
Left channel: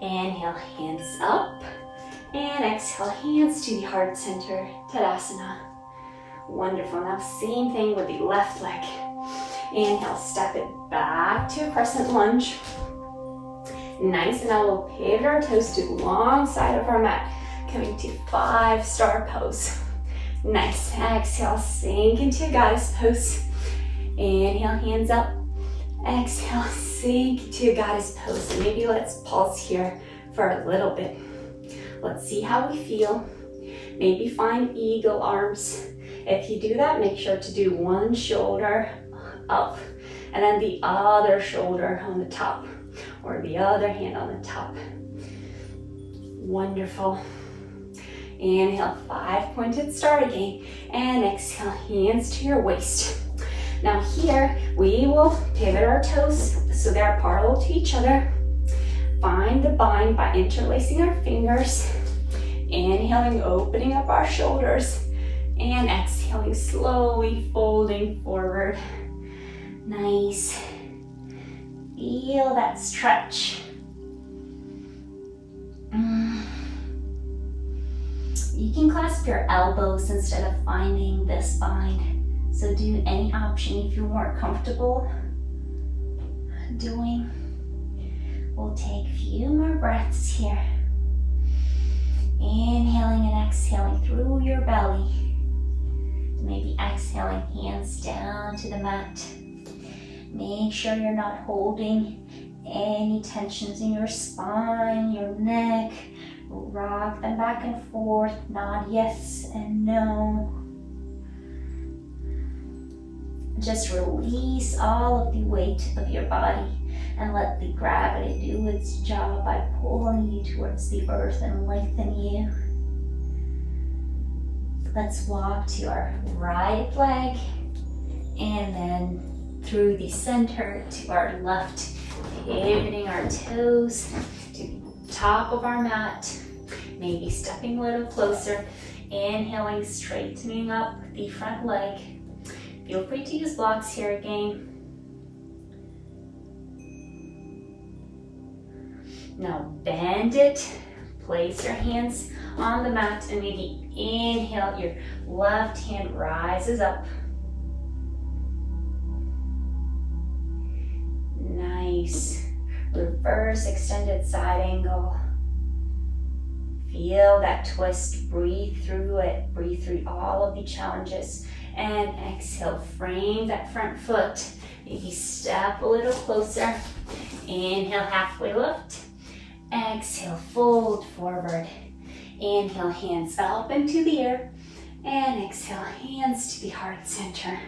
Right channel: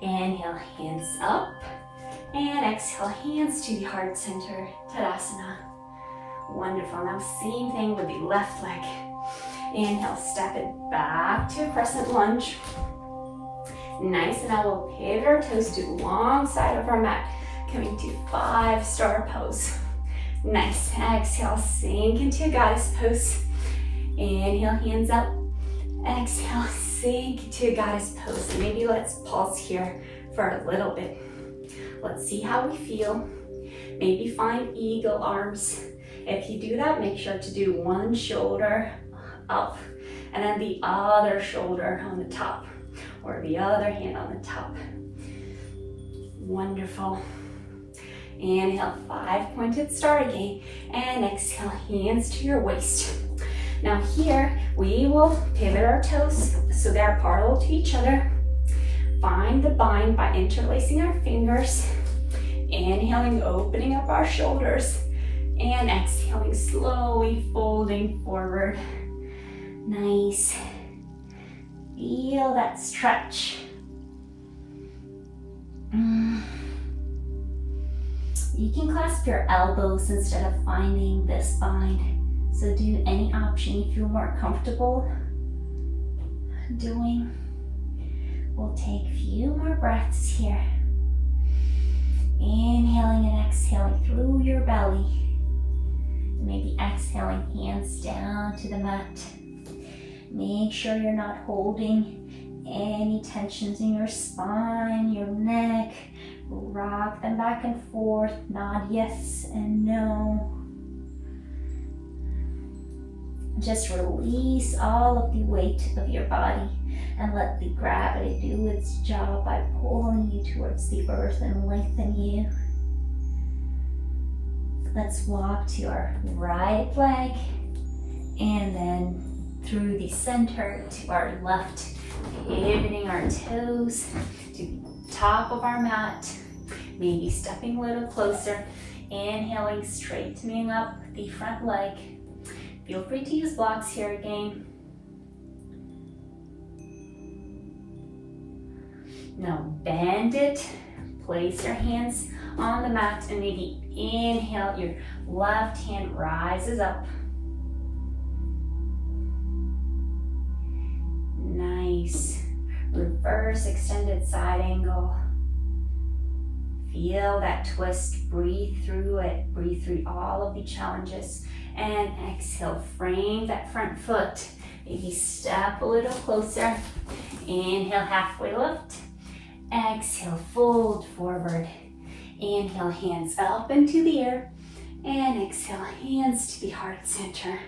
Inhale, hands up. And exhale, hands to the heart center, Tadasana. Wonderful. Now same thing with the left leg. Inhale, step it back to crescent lunge. Nice, and now we'll pivot our toes to the long side of our mat, coming to 5-star pose. Nice. Exhale, sink into goddess pose. Inhale, hands up. Exhale, sink into goddess pose. Maybe let's pause here for a little bit. Let's see how we feel. Maybe find eagle arms. If you do that, make sure to do one shoulder up and then the other shoulder on the top, or the other hand on the top. Wonderful. Inhale, 5-pointed star again, and exhale, hands to your waist. Now here, we will pivot our toes so they're parallel to each other. Find the bind by interlacing our fingers. Inhaling, opening up our shoulders, and exhaling, slowly folding forward. Nice. Feel that stretch. You can clasp your elbows instead of finding this bind. So do any option you feel more comfortable doing. We'll take a few more breaths here. Inhaling and exhaling through your belly. Maybe exhaling, hands down to the mat. Make sure you're not holding any tensions in your spine, your neck. Rock them back and forth, nod yes and no. Just release all of the weight of your body and let the gravity do its job by pulling you towards the earth and lengthen you. Let's walk to our right leg and then through the center to our left, pivoting our toes to the top of our mat, maybe stepping a little closer, inhaling, straightening up the front leg. Feel free to use blocks here again. Now bend it, place your hands on the mat, and maybe inhale, your left hand rises up. Nice. Reverse extended side angle. Feel that twist, breathe through it, breathe through all of the challenges. And exhale, frame that front foot. Maybe step a little closer. Inhale, halfway lift. Exhale, fold forward. Inhale, hands up into the air. And exhale, hands to the heart center.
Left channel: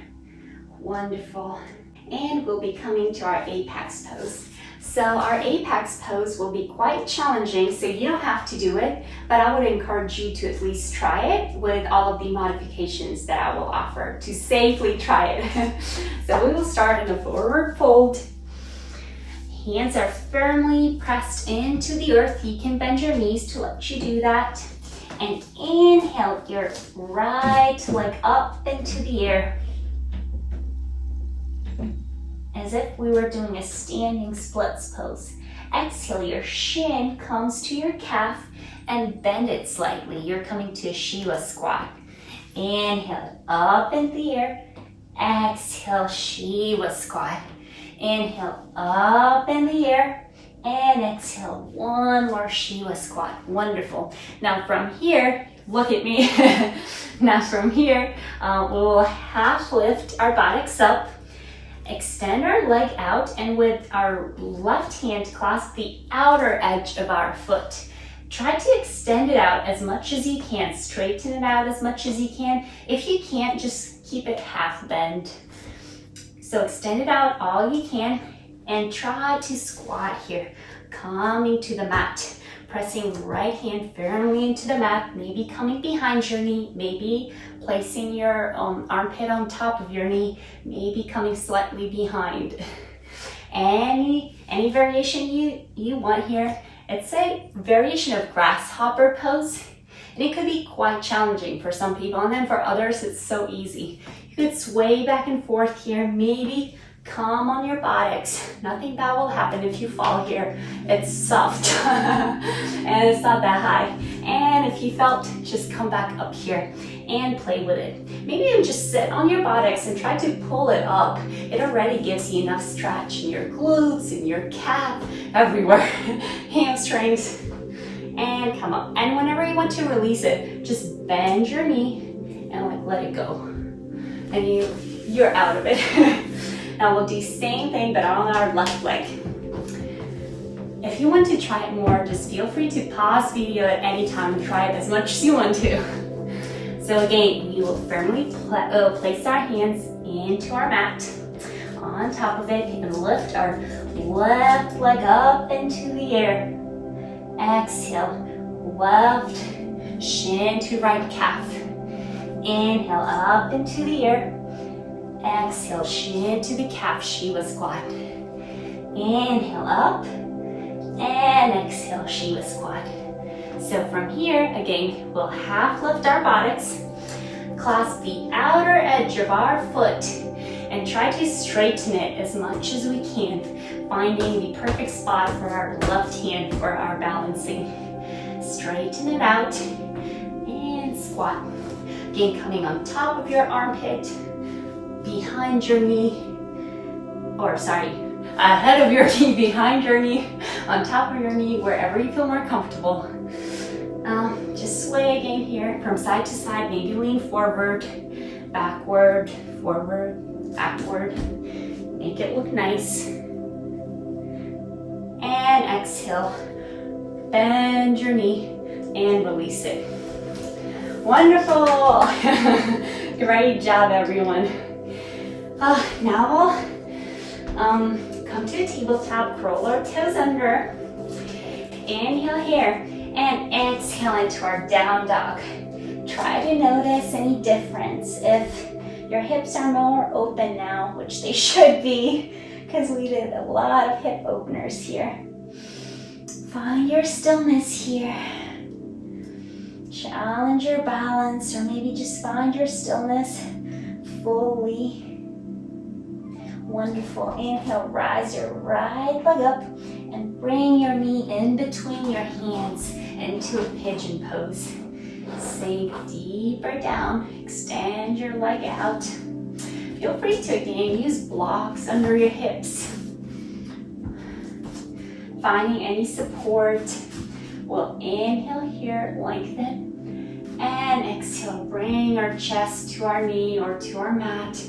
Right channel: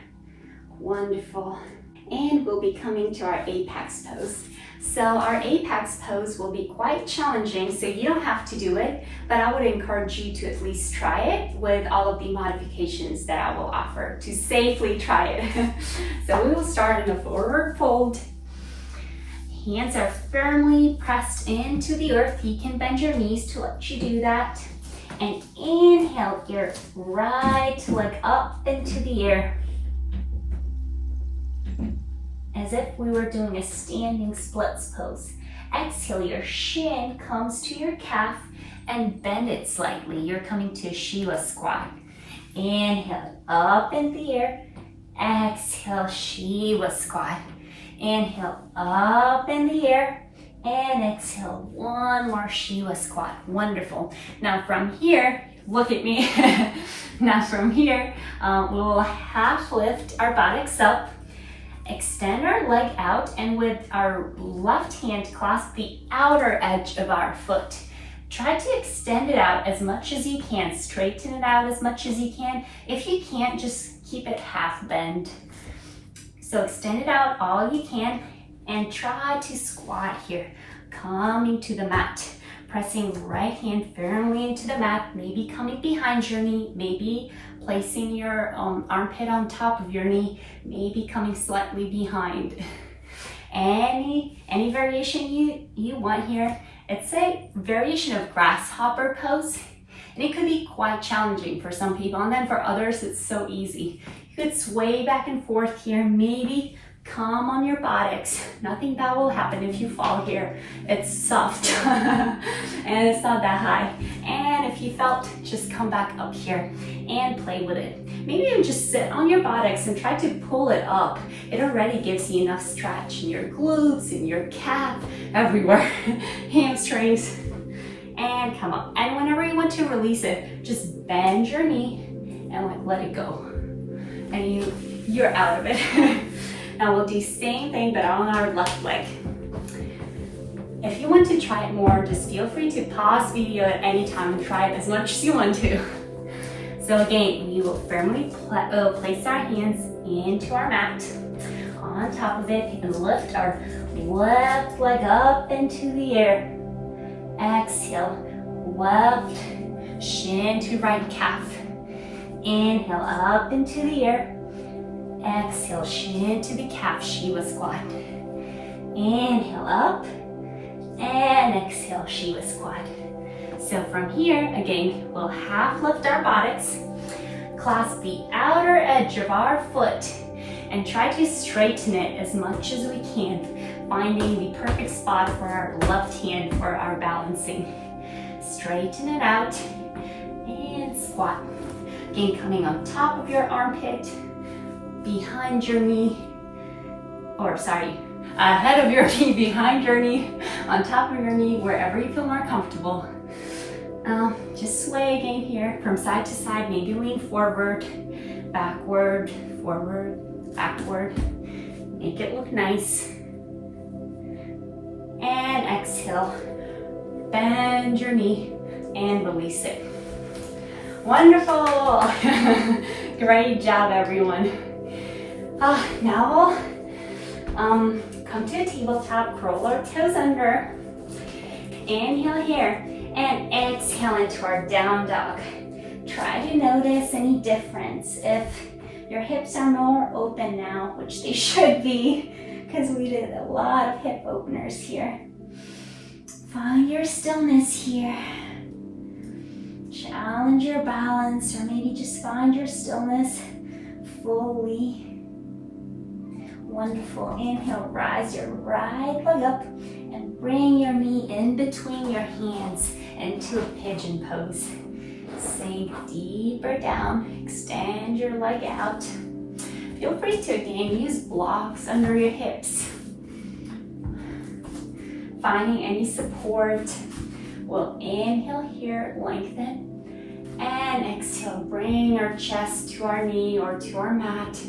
Wonderful. And we'll be coming to our apex pose. So our apex pose will be quite challenging, so you don't have to do it, but I would encourage you to at least try it with all of the modifications that I will offer to safely try it. So we will start in a forward fold. Hands are firmly pressed into the earth. You can bend your knees to let you do that. And inhale your right leg up into the air, as if we were doing a standing splits pose. Exhale, your shin comes to your calf and bend it slightly. You're coming to a Shiva squat. Inhale, up in the air. Exhale, Shiva squat. Inhale, up in the air. And exhale, one more Shiva squat. Wonderful. Now from here, look at me. Now from here, we'll half lift our buttocks up. Extend our leg out, and with our left hand clasp the outer edge of our foot. try to extend it out as much as you can. Straighten it out as much as you can. If you can't, just keep it half bend. So extend it out all you can and try to squat here. Coming to the mat, pressing right hand firmly into the mat, maybe coming behind your knee, maybe placing your armpit on top of your knee, maybe coming slightly behind. Any variation you want here. It's a variation of grasshopper pose, and it could be quite challenging for some people, and then for others it's so easy. You could sway back and forth here, maybe come on your buttocks. Nothing bad will happen if you fall here. It's soft and it's not that high. And if you felt, just come back up here and play with it. Maybe even just sit on your buttocks and try to pull it up. It already gives you enough stretch in your glutes, in your calf, everywhere. Hamstrings. And come up. And whenever you want to release it, just bend your knee and let it go. And you're out of it. Now we'll do same thing but on our left leg. If you want to try it more, just feel free to pause video at any time and try it as much as you want to. So again, we will firmly place our hands into our mat, on top of it, and lift our left leg up into the air. Exhale, left shin to right calf. Inhale up into the air. Exhale, shin to the calf, Shiva squat. Inhale up, and exhale, Shiva squat. So from here, again, we'll half lift our buttocks, clasp the outer edge of our foot, and try to straighten it as much as we can, finding the perfect spot for our left hand for our balancing. Straighten it out, and squat. Again, coming on top of your armpit, behind your knee, ahead of your knee, behind your knee, on top of your knee, wherever you feel more comfortable. Just sway again here from side to side, maybe lean forward, backward, forward, backward. Make it look nice. And exhale, bend your knee and release it. Wonderful. Great job, everyone. Now we'll come to a tabletop, curl our toes under, inhale here, and exhale into our down dog. Try to notice any difference. If your hips are more open now, which they should be, because we did a lot of hip openers here. Find your stillness here. Challenge your balance, or maybe just find your stillness fully. Wonderful. Inhale, rise your right leg up and bring your knee in between your hands into a pigeon pose. Sink deeper down, extend your leg out. Feel free to again use blocks under your hips. Finding any support. We'll inhale here, lengthen, and exhale, bring our chest to our knee or to our mat,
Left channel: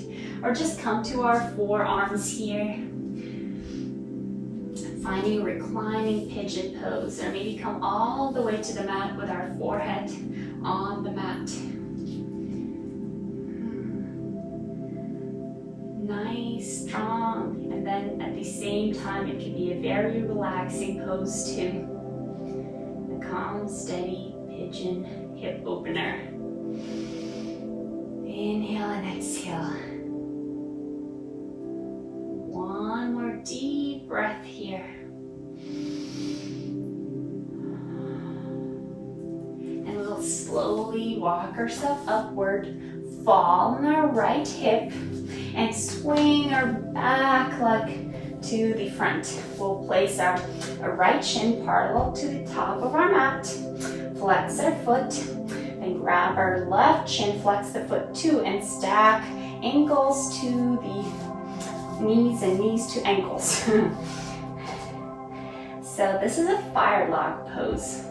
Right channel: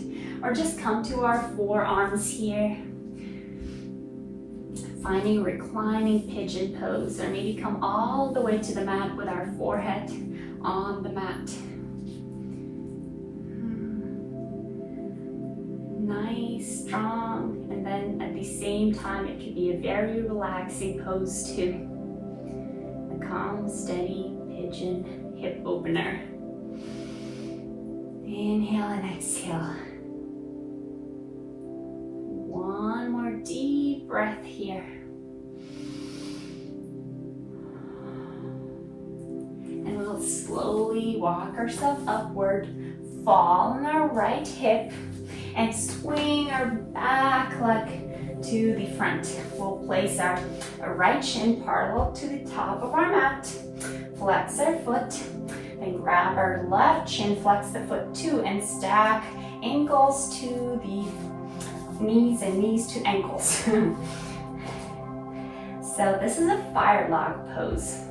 or just come to our forearms here. Finding reclining pigeon pose, or maybe come all the way to the mat with our forehead on the mat. Nice, strong, and then at the same time it can be a very relaxing pose too. A calm, steady pigeon hip opener. Inhale and exhale. One more deep breath here. And we'll slowly walk ourselves upward, fall on our right hip, and swing our back leg to the front. We'll place our right shin parallel to the top of our mat, flex our foot, and grab our left shin, flex the foot too, and stack ankles to the knees and knees to ankles. So this is a fire log pose.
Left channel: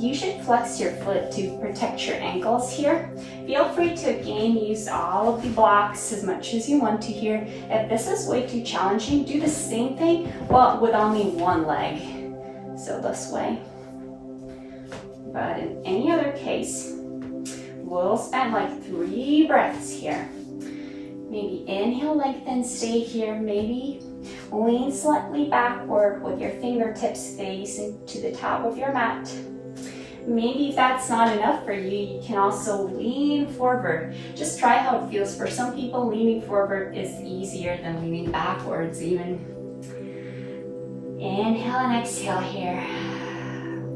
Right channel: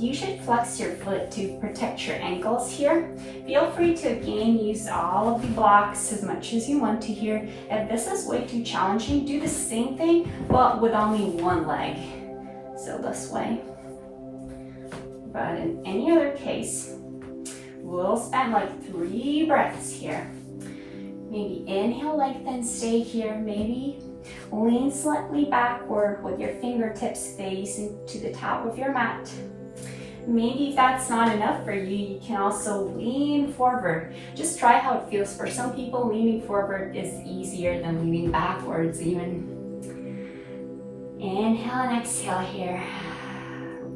You should flex your foot to protect your ankles here. Feel free to again use all of the blocks as much as you want to here. If this is way too challenging, do the same thing but with only one leg. So this way. But in any other case, we'll spend like 3 breaths here. Maybe inhale, lengthen, stay here. Maybe lean slightly backward with your fingertips facing to the top of your mat. Maybe if that's not enough for you, you can also lean forward. Just try how it feels. For some people, leaning forward is easier than leaning backwards even. Inhale and exhale here.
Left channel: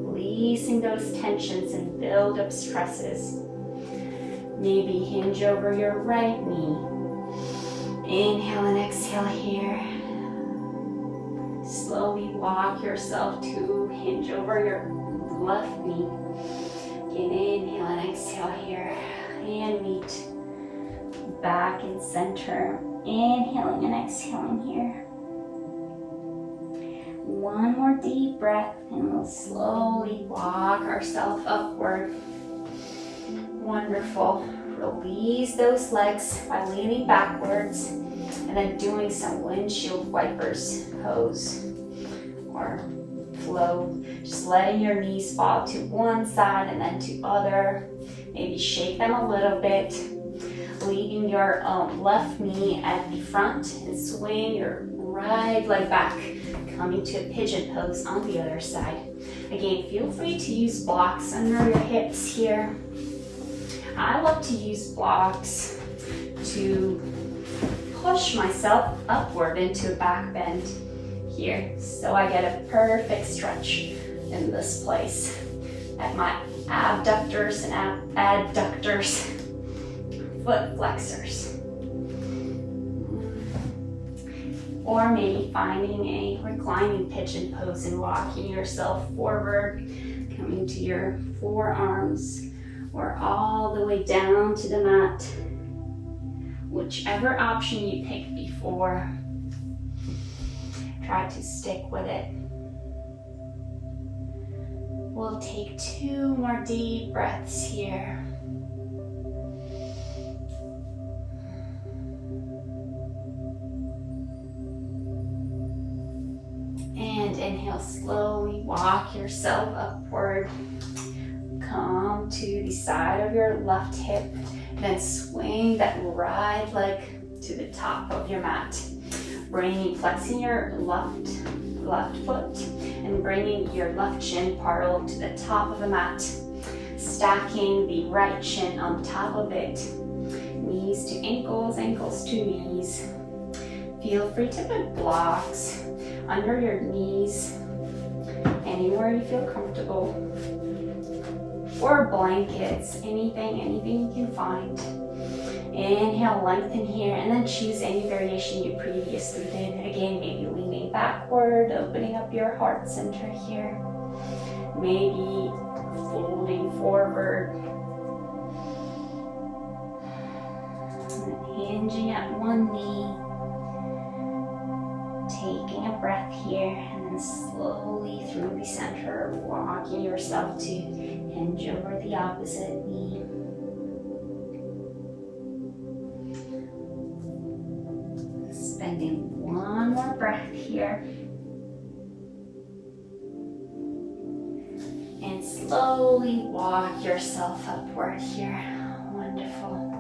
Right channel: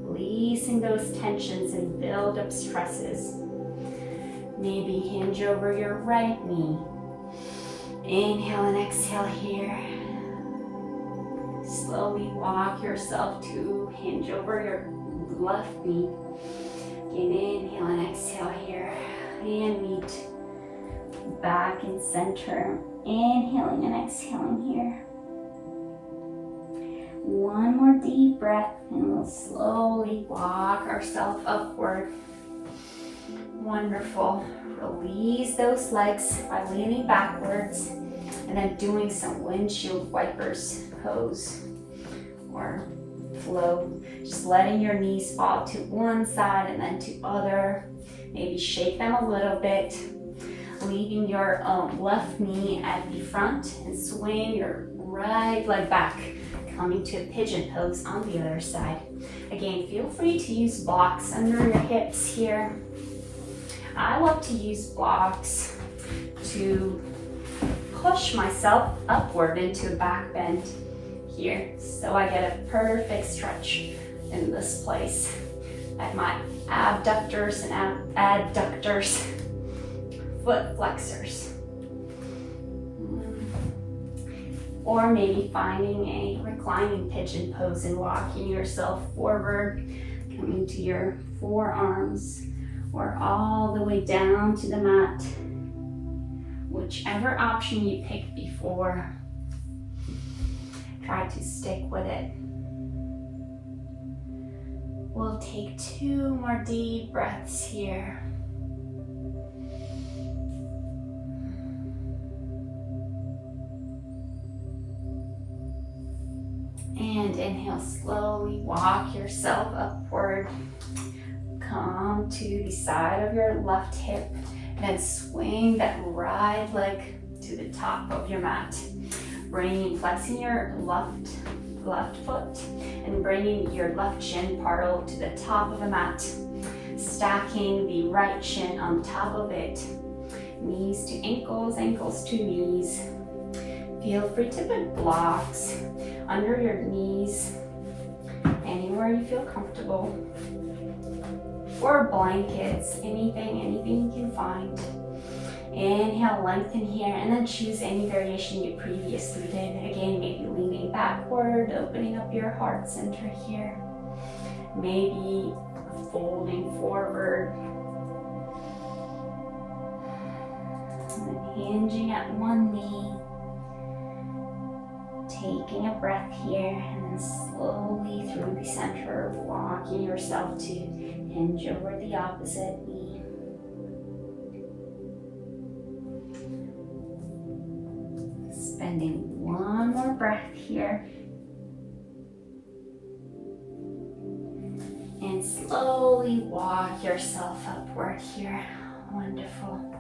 Releasing those tensions and build up stresses. Maybe hinge over your right knee. Inhale and exhale here. Slowly walk yourself to hinge over your left knee. Again, inhale and exhale here. And meet back in center. Inhaling and exhaling here. One more deep breath and we'll slowly walk ourselves upward. Wonderful. Release those legs by leaning backwards and then doing some windshield wipers pose or flow. Just letting your knees fall to one side and then to other. Maybe shake them a little bit. Leaving your left knee at the front and swing your right leg back. Coming to a pigeon pose on the other side. Again, feel free to use blocks under your hips here. I love to use blocks to push myself upward into a back bend here. So I get a perfect stretch in this place at my abductors and adductors, foot flexors. Or maybe finding a reclining pigeon pose and walking yourself forward, coming to your forearms or all the way down to the mat. Whichever option you picked before, try to stick with it. We'll take 2 more deep breaths here. And inhale, slowly walk yourself upward. Come to the side of your left hip, then swing that right leg to the top of your mat. Flexing your left foot and bringing your left shin parallel to the top of the mat. Stacking the right shin on top of it. Knees to ankles, ankles to knees. Feel free to put blocks under your knees, anywhere you feel comfortable, or blankets, anything you can find. Inhale, lengthen here, and then choose any variation you previously did. Again, maybe leaning backward, opening up your heart center here. Maybe folding forward, and hinging at one knee. Taking a breath here and then slowly through the center, walking yourself to hinge over the opposite knee. Spending one more breath here. And slowly walk yourself upward here. Wonderful.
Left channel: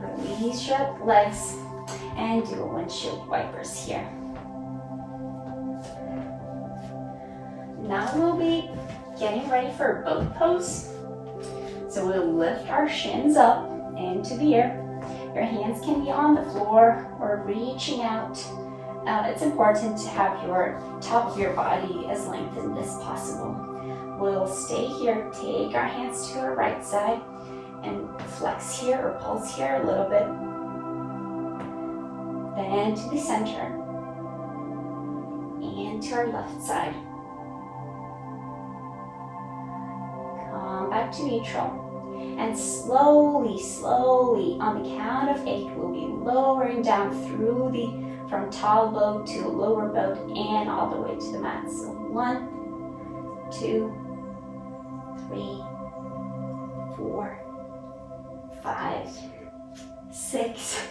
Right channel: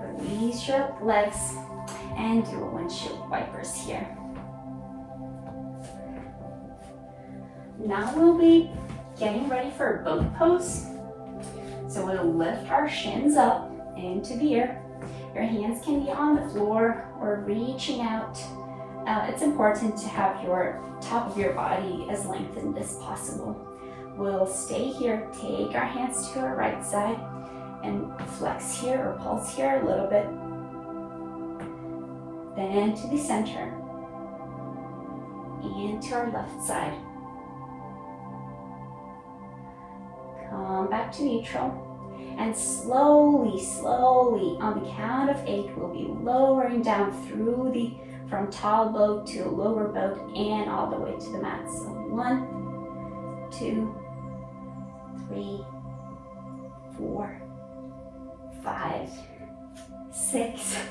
Release your legs and do a windshield wipers here. Now we'll be getting ready for a boat pose. So we'll lift our shins up into the air. Your hands can be on the floor or reaching out. It's important to have your top of your body as lengthened as possible. We'll stay here, take our hands to our right side and flex here or pulse here a little bit. Then to the center and to our left side. Come back to neutral. And slowly, on the count of 8, we'll be lowering down from tall boat to lower boat and all the way to the mat. So 1, 2, 3, 4, 5, 6,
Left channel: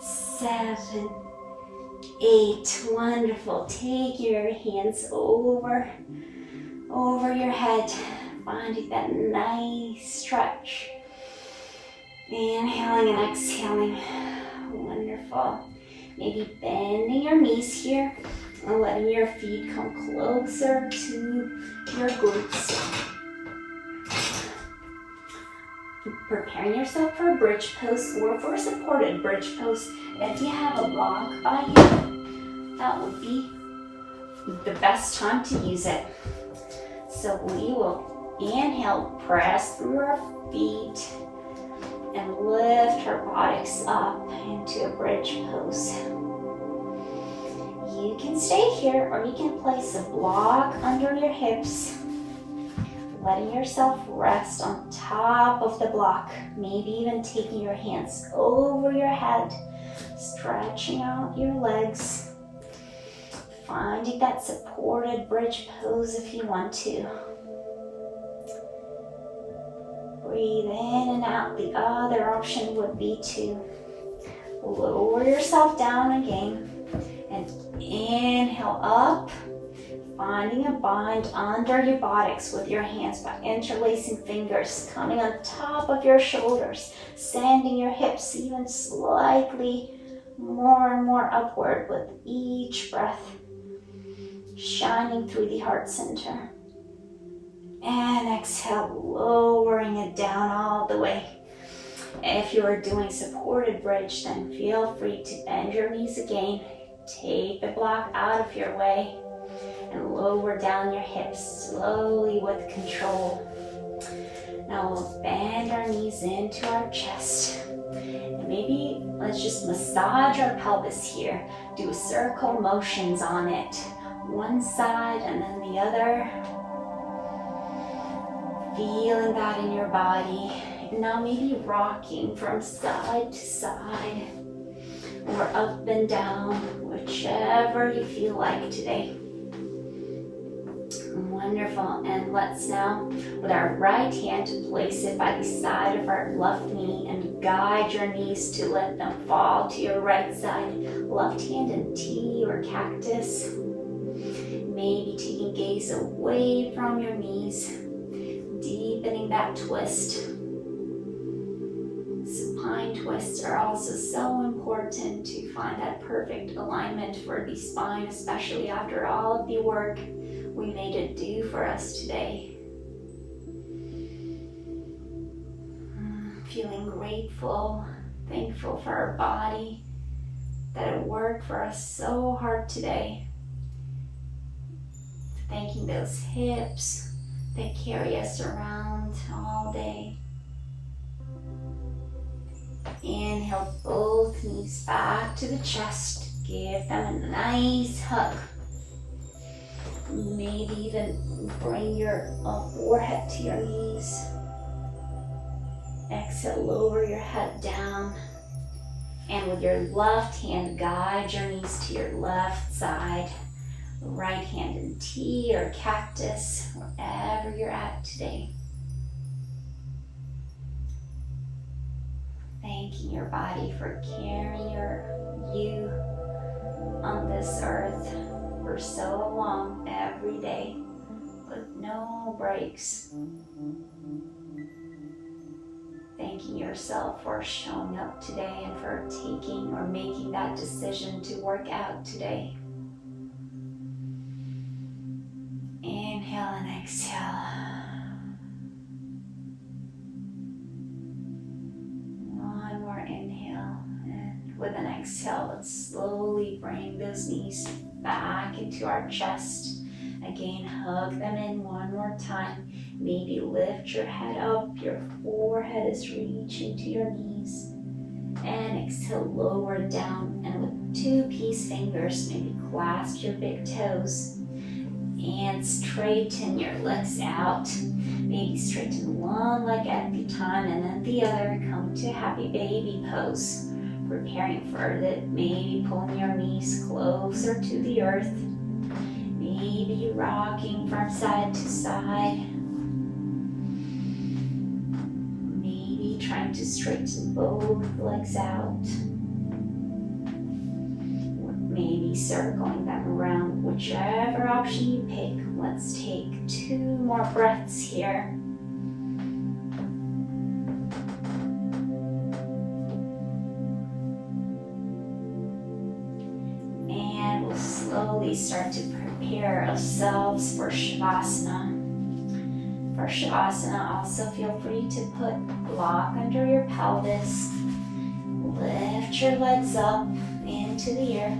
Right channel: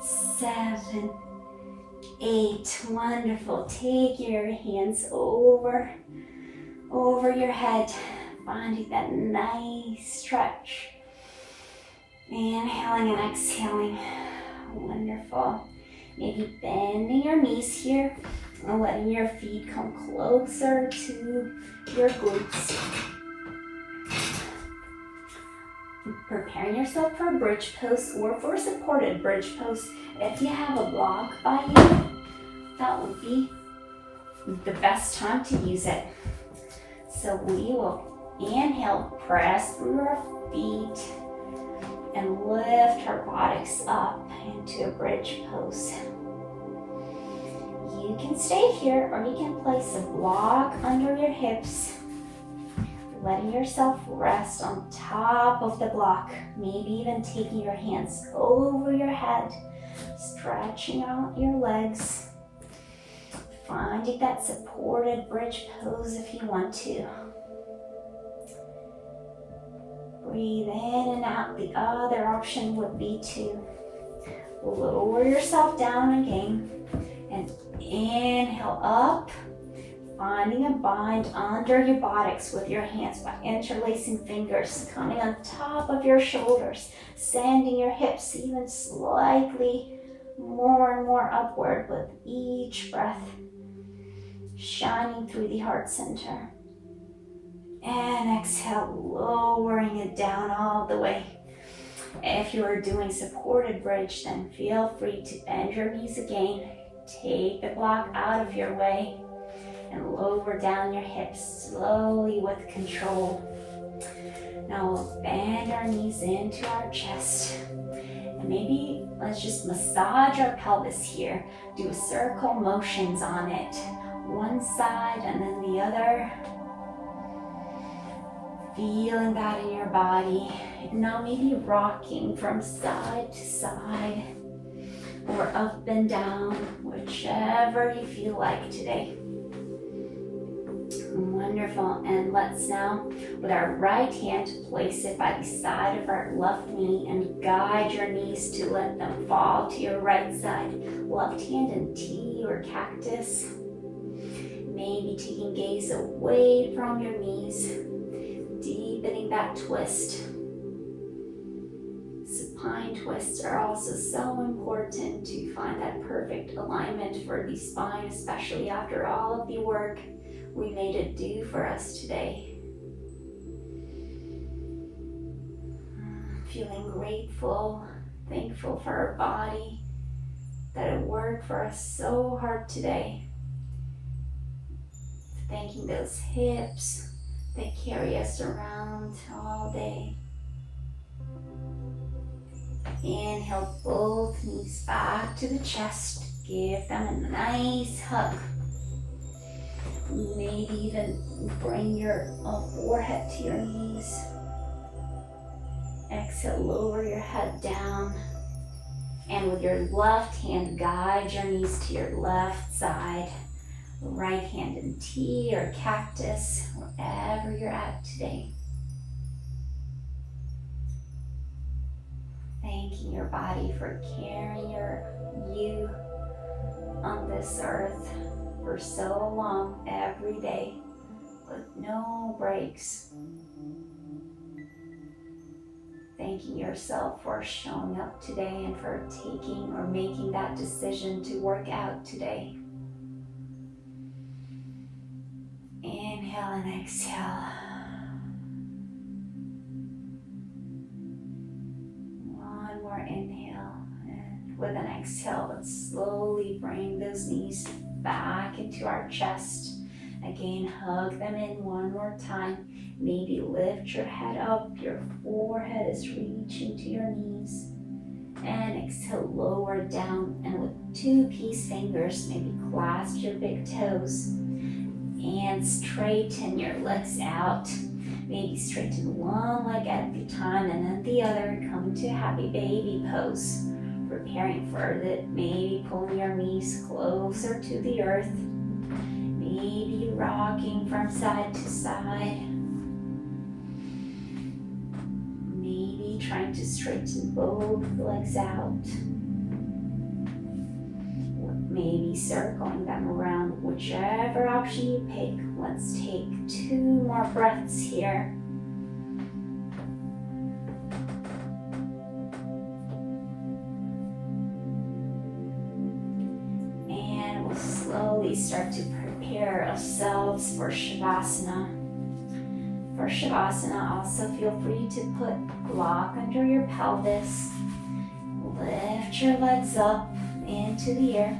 7, 8. Wonderful. Take your hands over your head. Finding that nice stretch. Inhaling and exhaling. Wonderful. Maybe bending your knees here and letting your feet come closer to your glutes. Preparing yourself for a bridge pose or for a supported bridge pose. If you have a block by you, that would be the best time to use it. So we will inhale, press through our feet, and lift our buttocks up into a bridge pose. You can stay here or you can place a block under your hips, letting yourself rest on top of the block, maybe even taking your hands over your head, stretching out your legs, finding that supported bridge pose if you want to. Breathe in and out. The other option would be to lower yourself down again and inhale up, finding a bind under your buttocks with your hands by interlacing fingers, coming on top of your shoulders, sending your hips even slightly more and more upward with each breath, shining through the heart center. And exhale, lowering it down all the way. If you are doing supported bridge, then feel free to bend your knees again. Take the block out of your way and lower down your hips slowly with control. Now we'll bend our knees into our chest. And maybe let's just massage our pelvis here. Do circle motions on it. One side and then the other. Feeling that in your body. Now maybe rocking from side to side or up and down, whichever you feel like today. Wonderful. And let's now, with our right hand, place it by the side of our left knee and guide your knees to let them fall to your right side. Left hand in T or cactus. Maybe taking gaze away from your knees. Deepening that twist. Supine twists are also so important to find that perfect alignment for the spine, especially after all of the work we made it do for us today. Feeling grateful, thankful for our body, that it worked for us so hard today. Thanking those hips that carry us around all day. Inhale both knees back to the chest. Give them a nice hug. Maybe even bring your forehead to your knees. Exhale, lower your head down. And with your left hand, guide your knees to your left side. Right hand in T or cactus, wherever you're at today. Thanking your body for carrying you on this earth for so long, every day, with no breaks. Thanking yourself for showing up today and for taking or making that decision to work out today. Inhale and exhale. One more inhale, and with an exhale, let's slowly bring those knees back into our chest. Again, hug them in one more time. Maybe lift your head up, your forehead is reaching to your knees. And exhale, lower down, and with two peace fingers, maybe clasp your big toes. And straighten your legs out. Maybe straighten one leg at a time and then the other. Come to happy baby pose. Preparing for it. Maybe pulling your knees closer to the earth. Maybe rocking from side to side. Maybe trying to straighten both legs out. maybe circling them around, whichever option you pick. Let's take 2 more breaths here. And we'll slowly start to prepare ourselves for Shavasana. For Shavasana, also feel free to put block under your pelvis. Lift your legs up into the air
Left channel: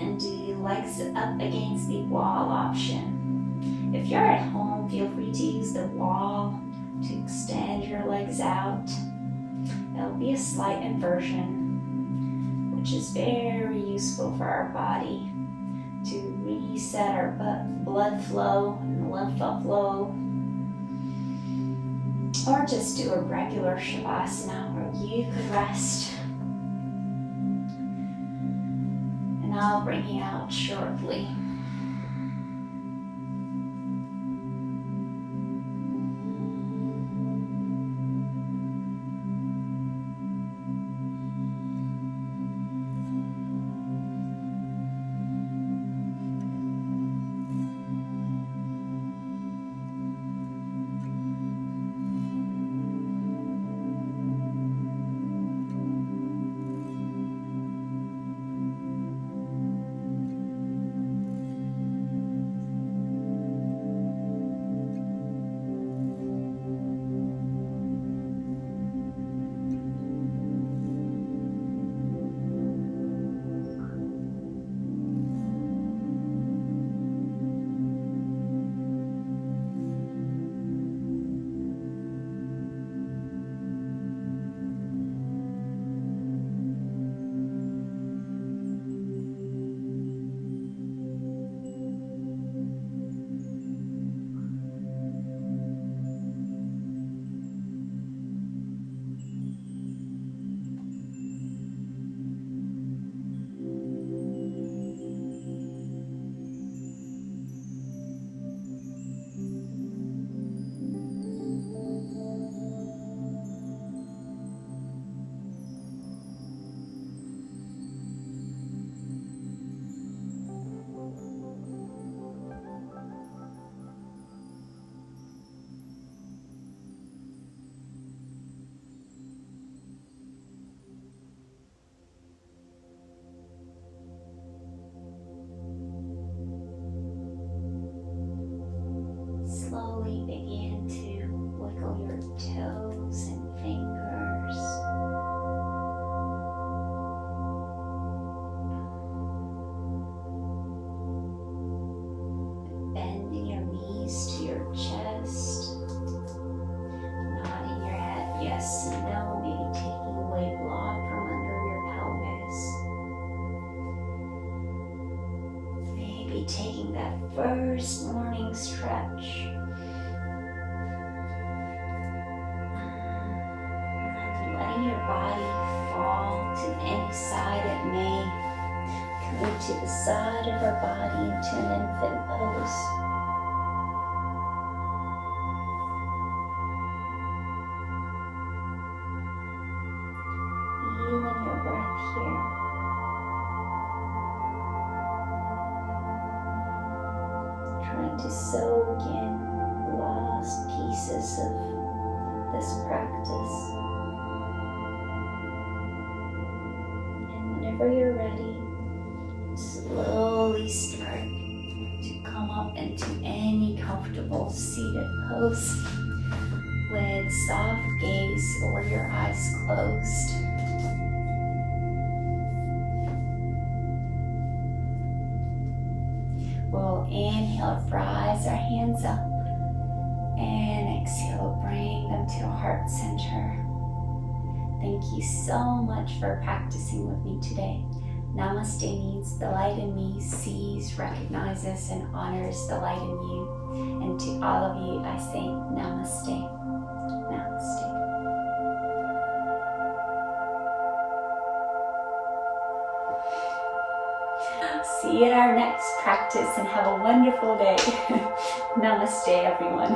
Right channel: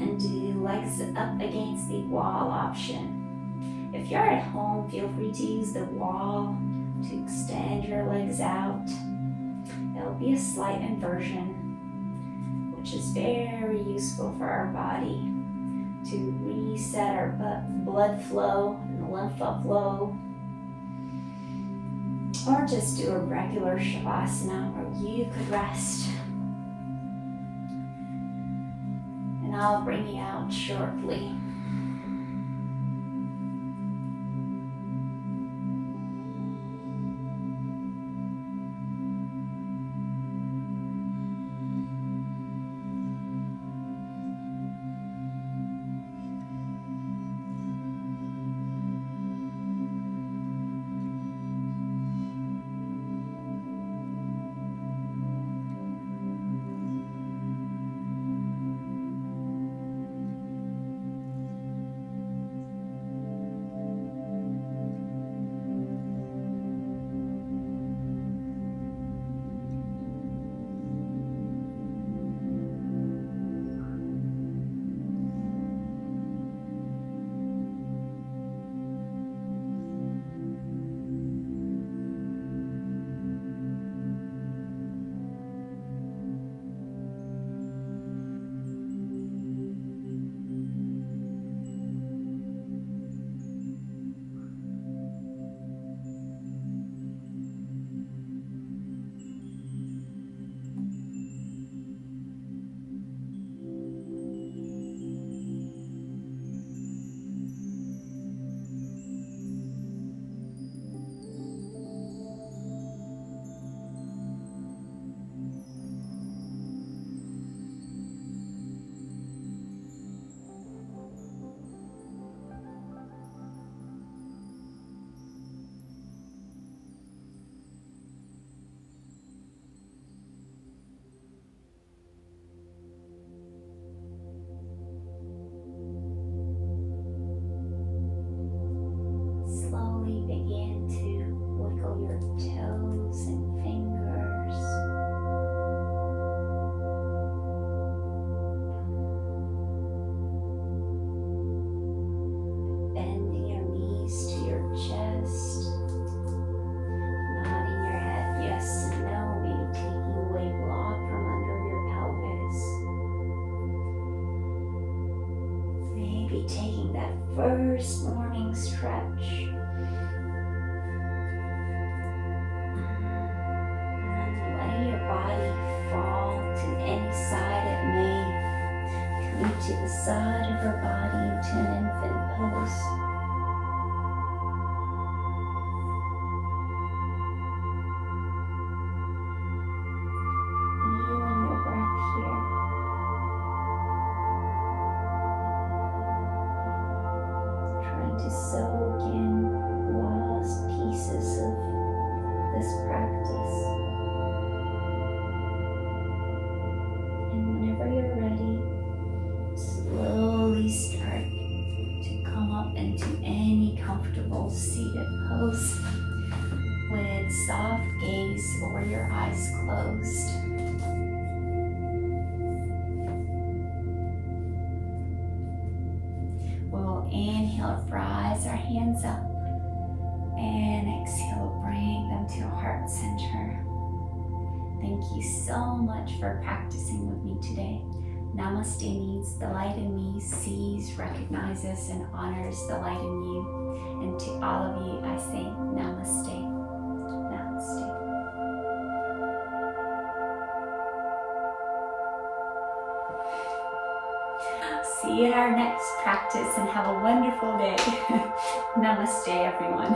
and do legs up against the wall option. If you're at home, feel free to use the wall to extend your legs out. It'll be a slight inversion, which is very useful for our body to reset our blood flow and lymph flow. Or just do a regular Shavasana where you could rest. And I'll bring you out shortly. Slowly begin to wiggle your toes and fingers. Bending your knees to your chest. Nodding your head yes and no, maybe taking away block from under your pelvis. Maybe taking that first morning stretch. Your body fall to any side it may. Commit to the side of our body into an infant pose. Feeling your breath here. Trying to soak in the last pieces of this practice. Whenever you're ready, slowly start to come up into any comfortable seated pose with soft gaze or your eyes closed. We'll inhale, rise our hands up, and exhale, bring them to heart center. Thank you so much for practicing with me today. Namaste means the light in me sees, recognizes, and honors the light in you. And to all of you, I say namaste. Namaste. See you at our next practice and have a wonderful day. Namaste, everyone.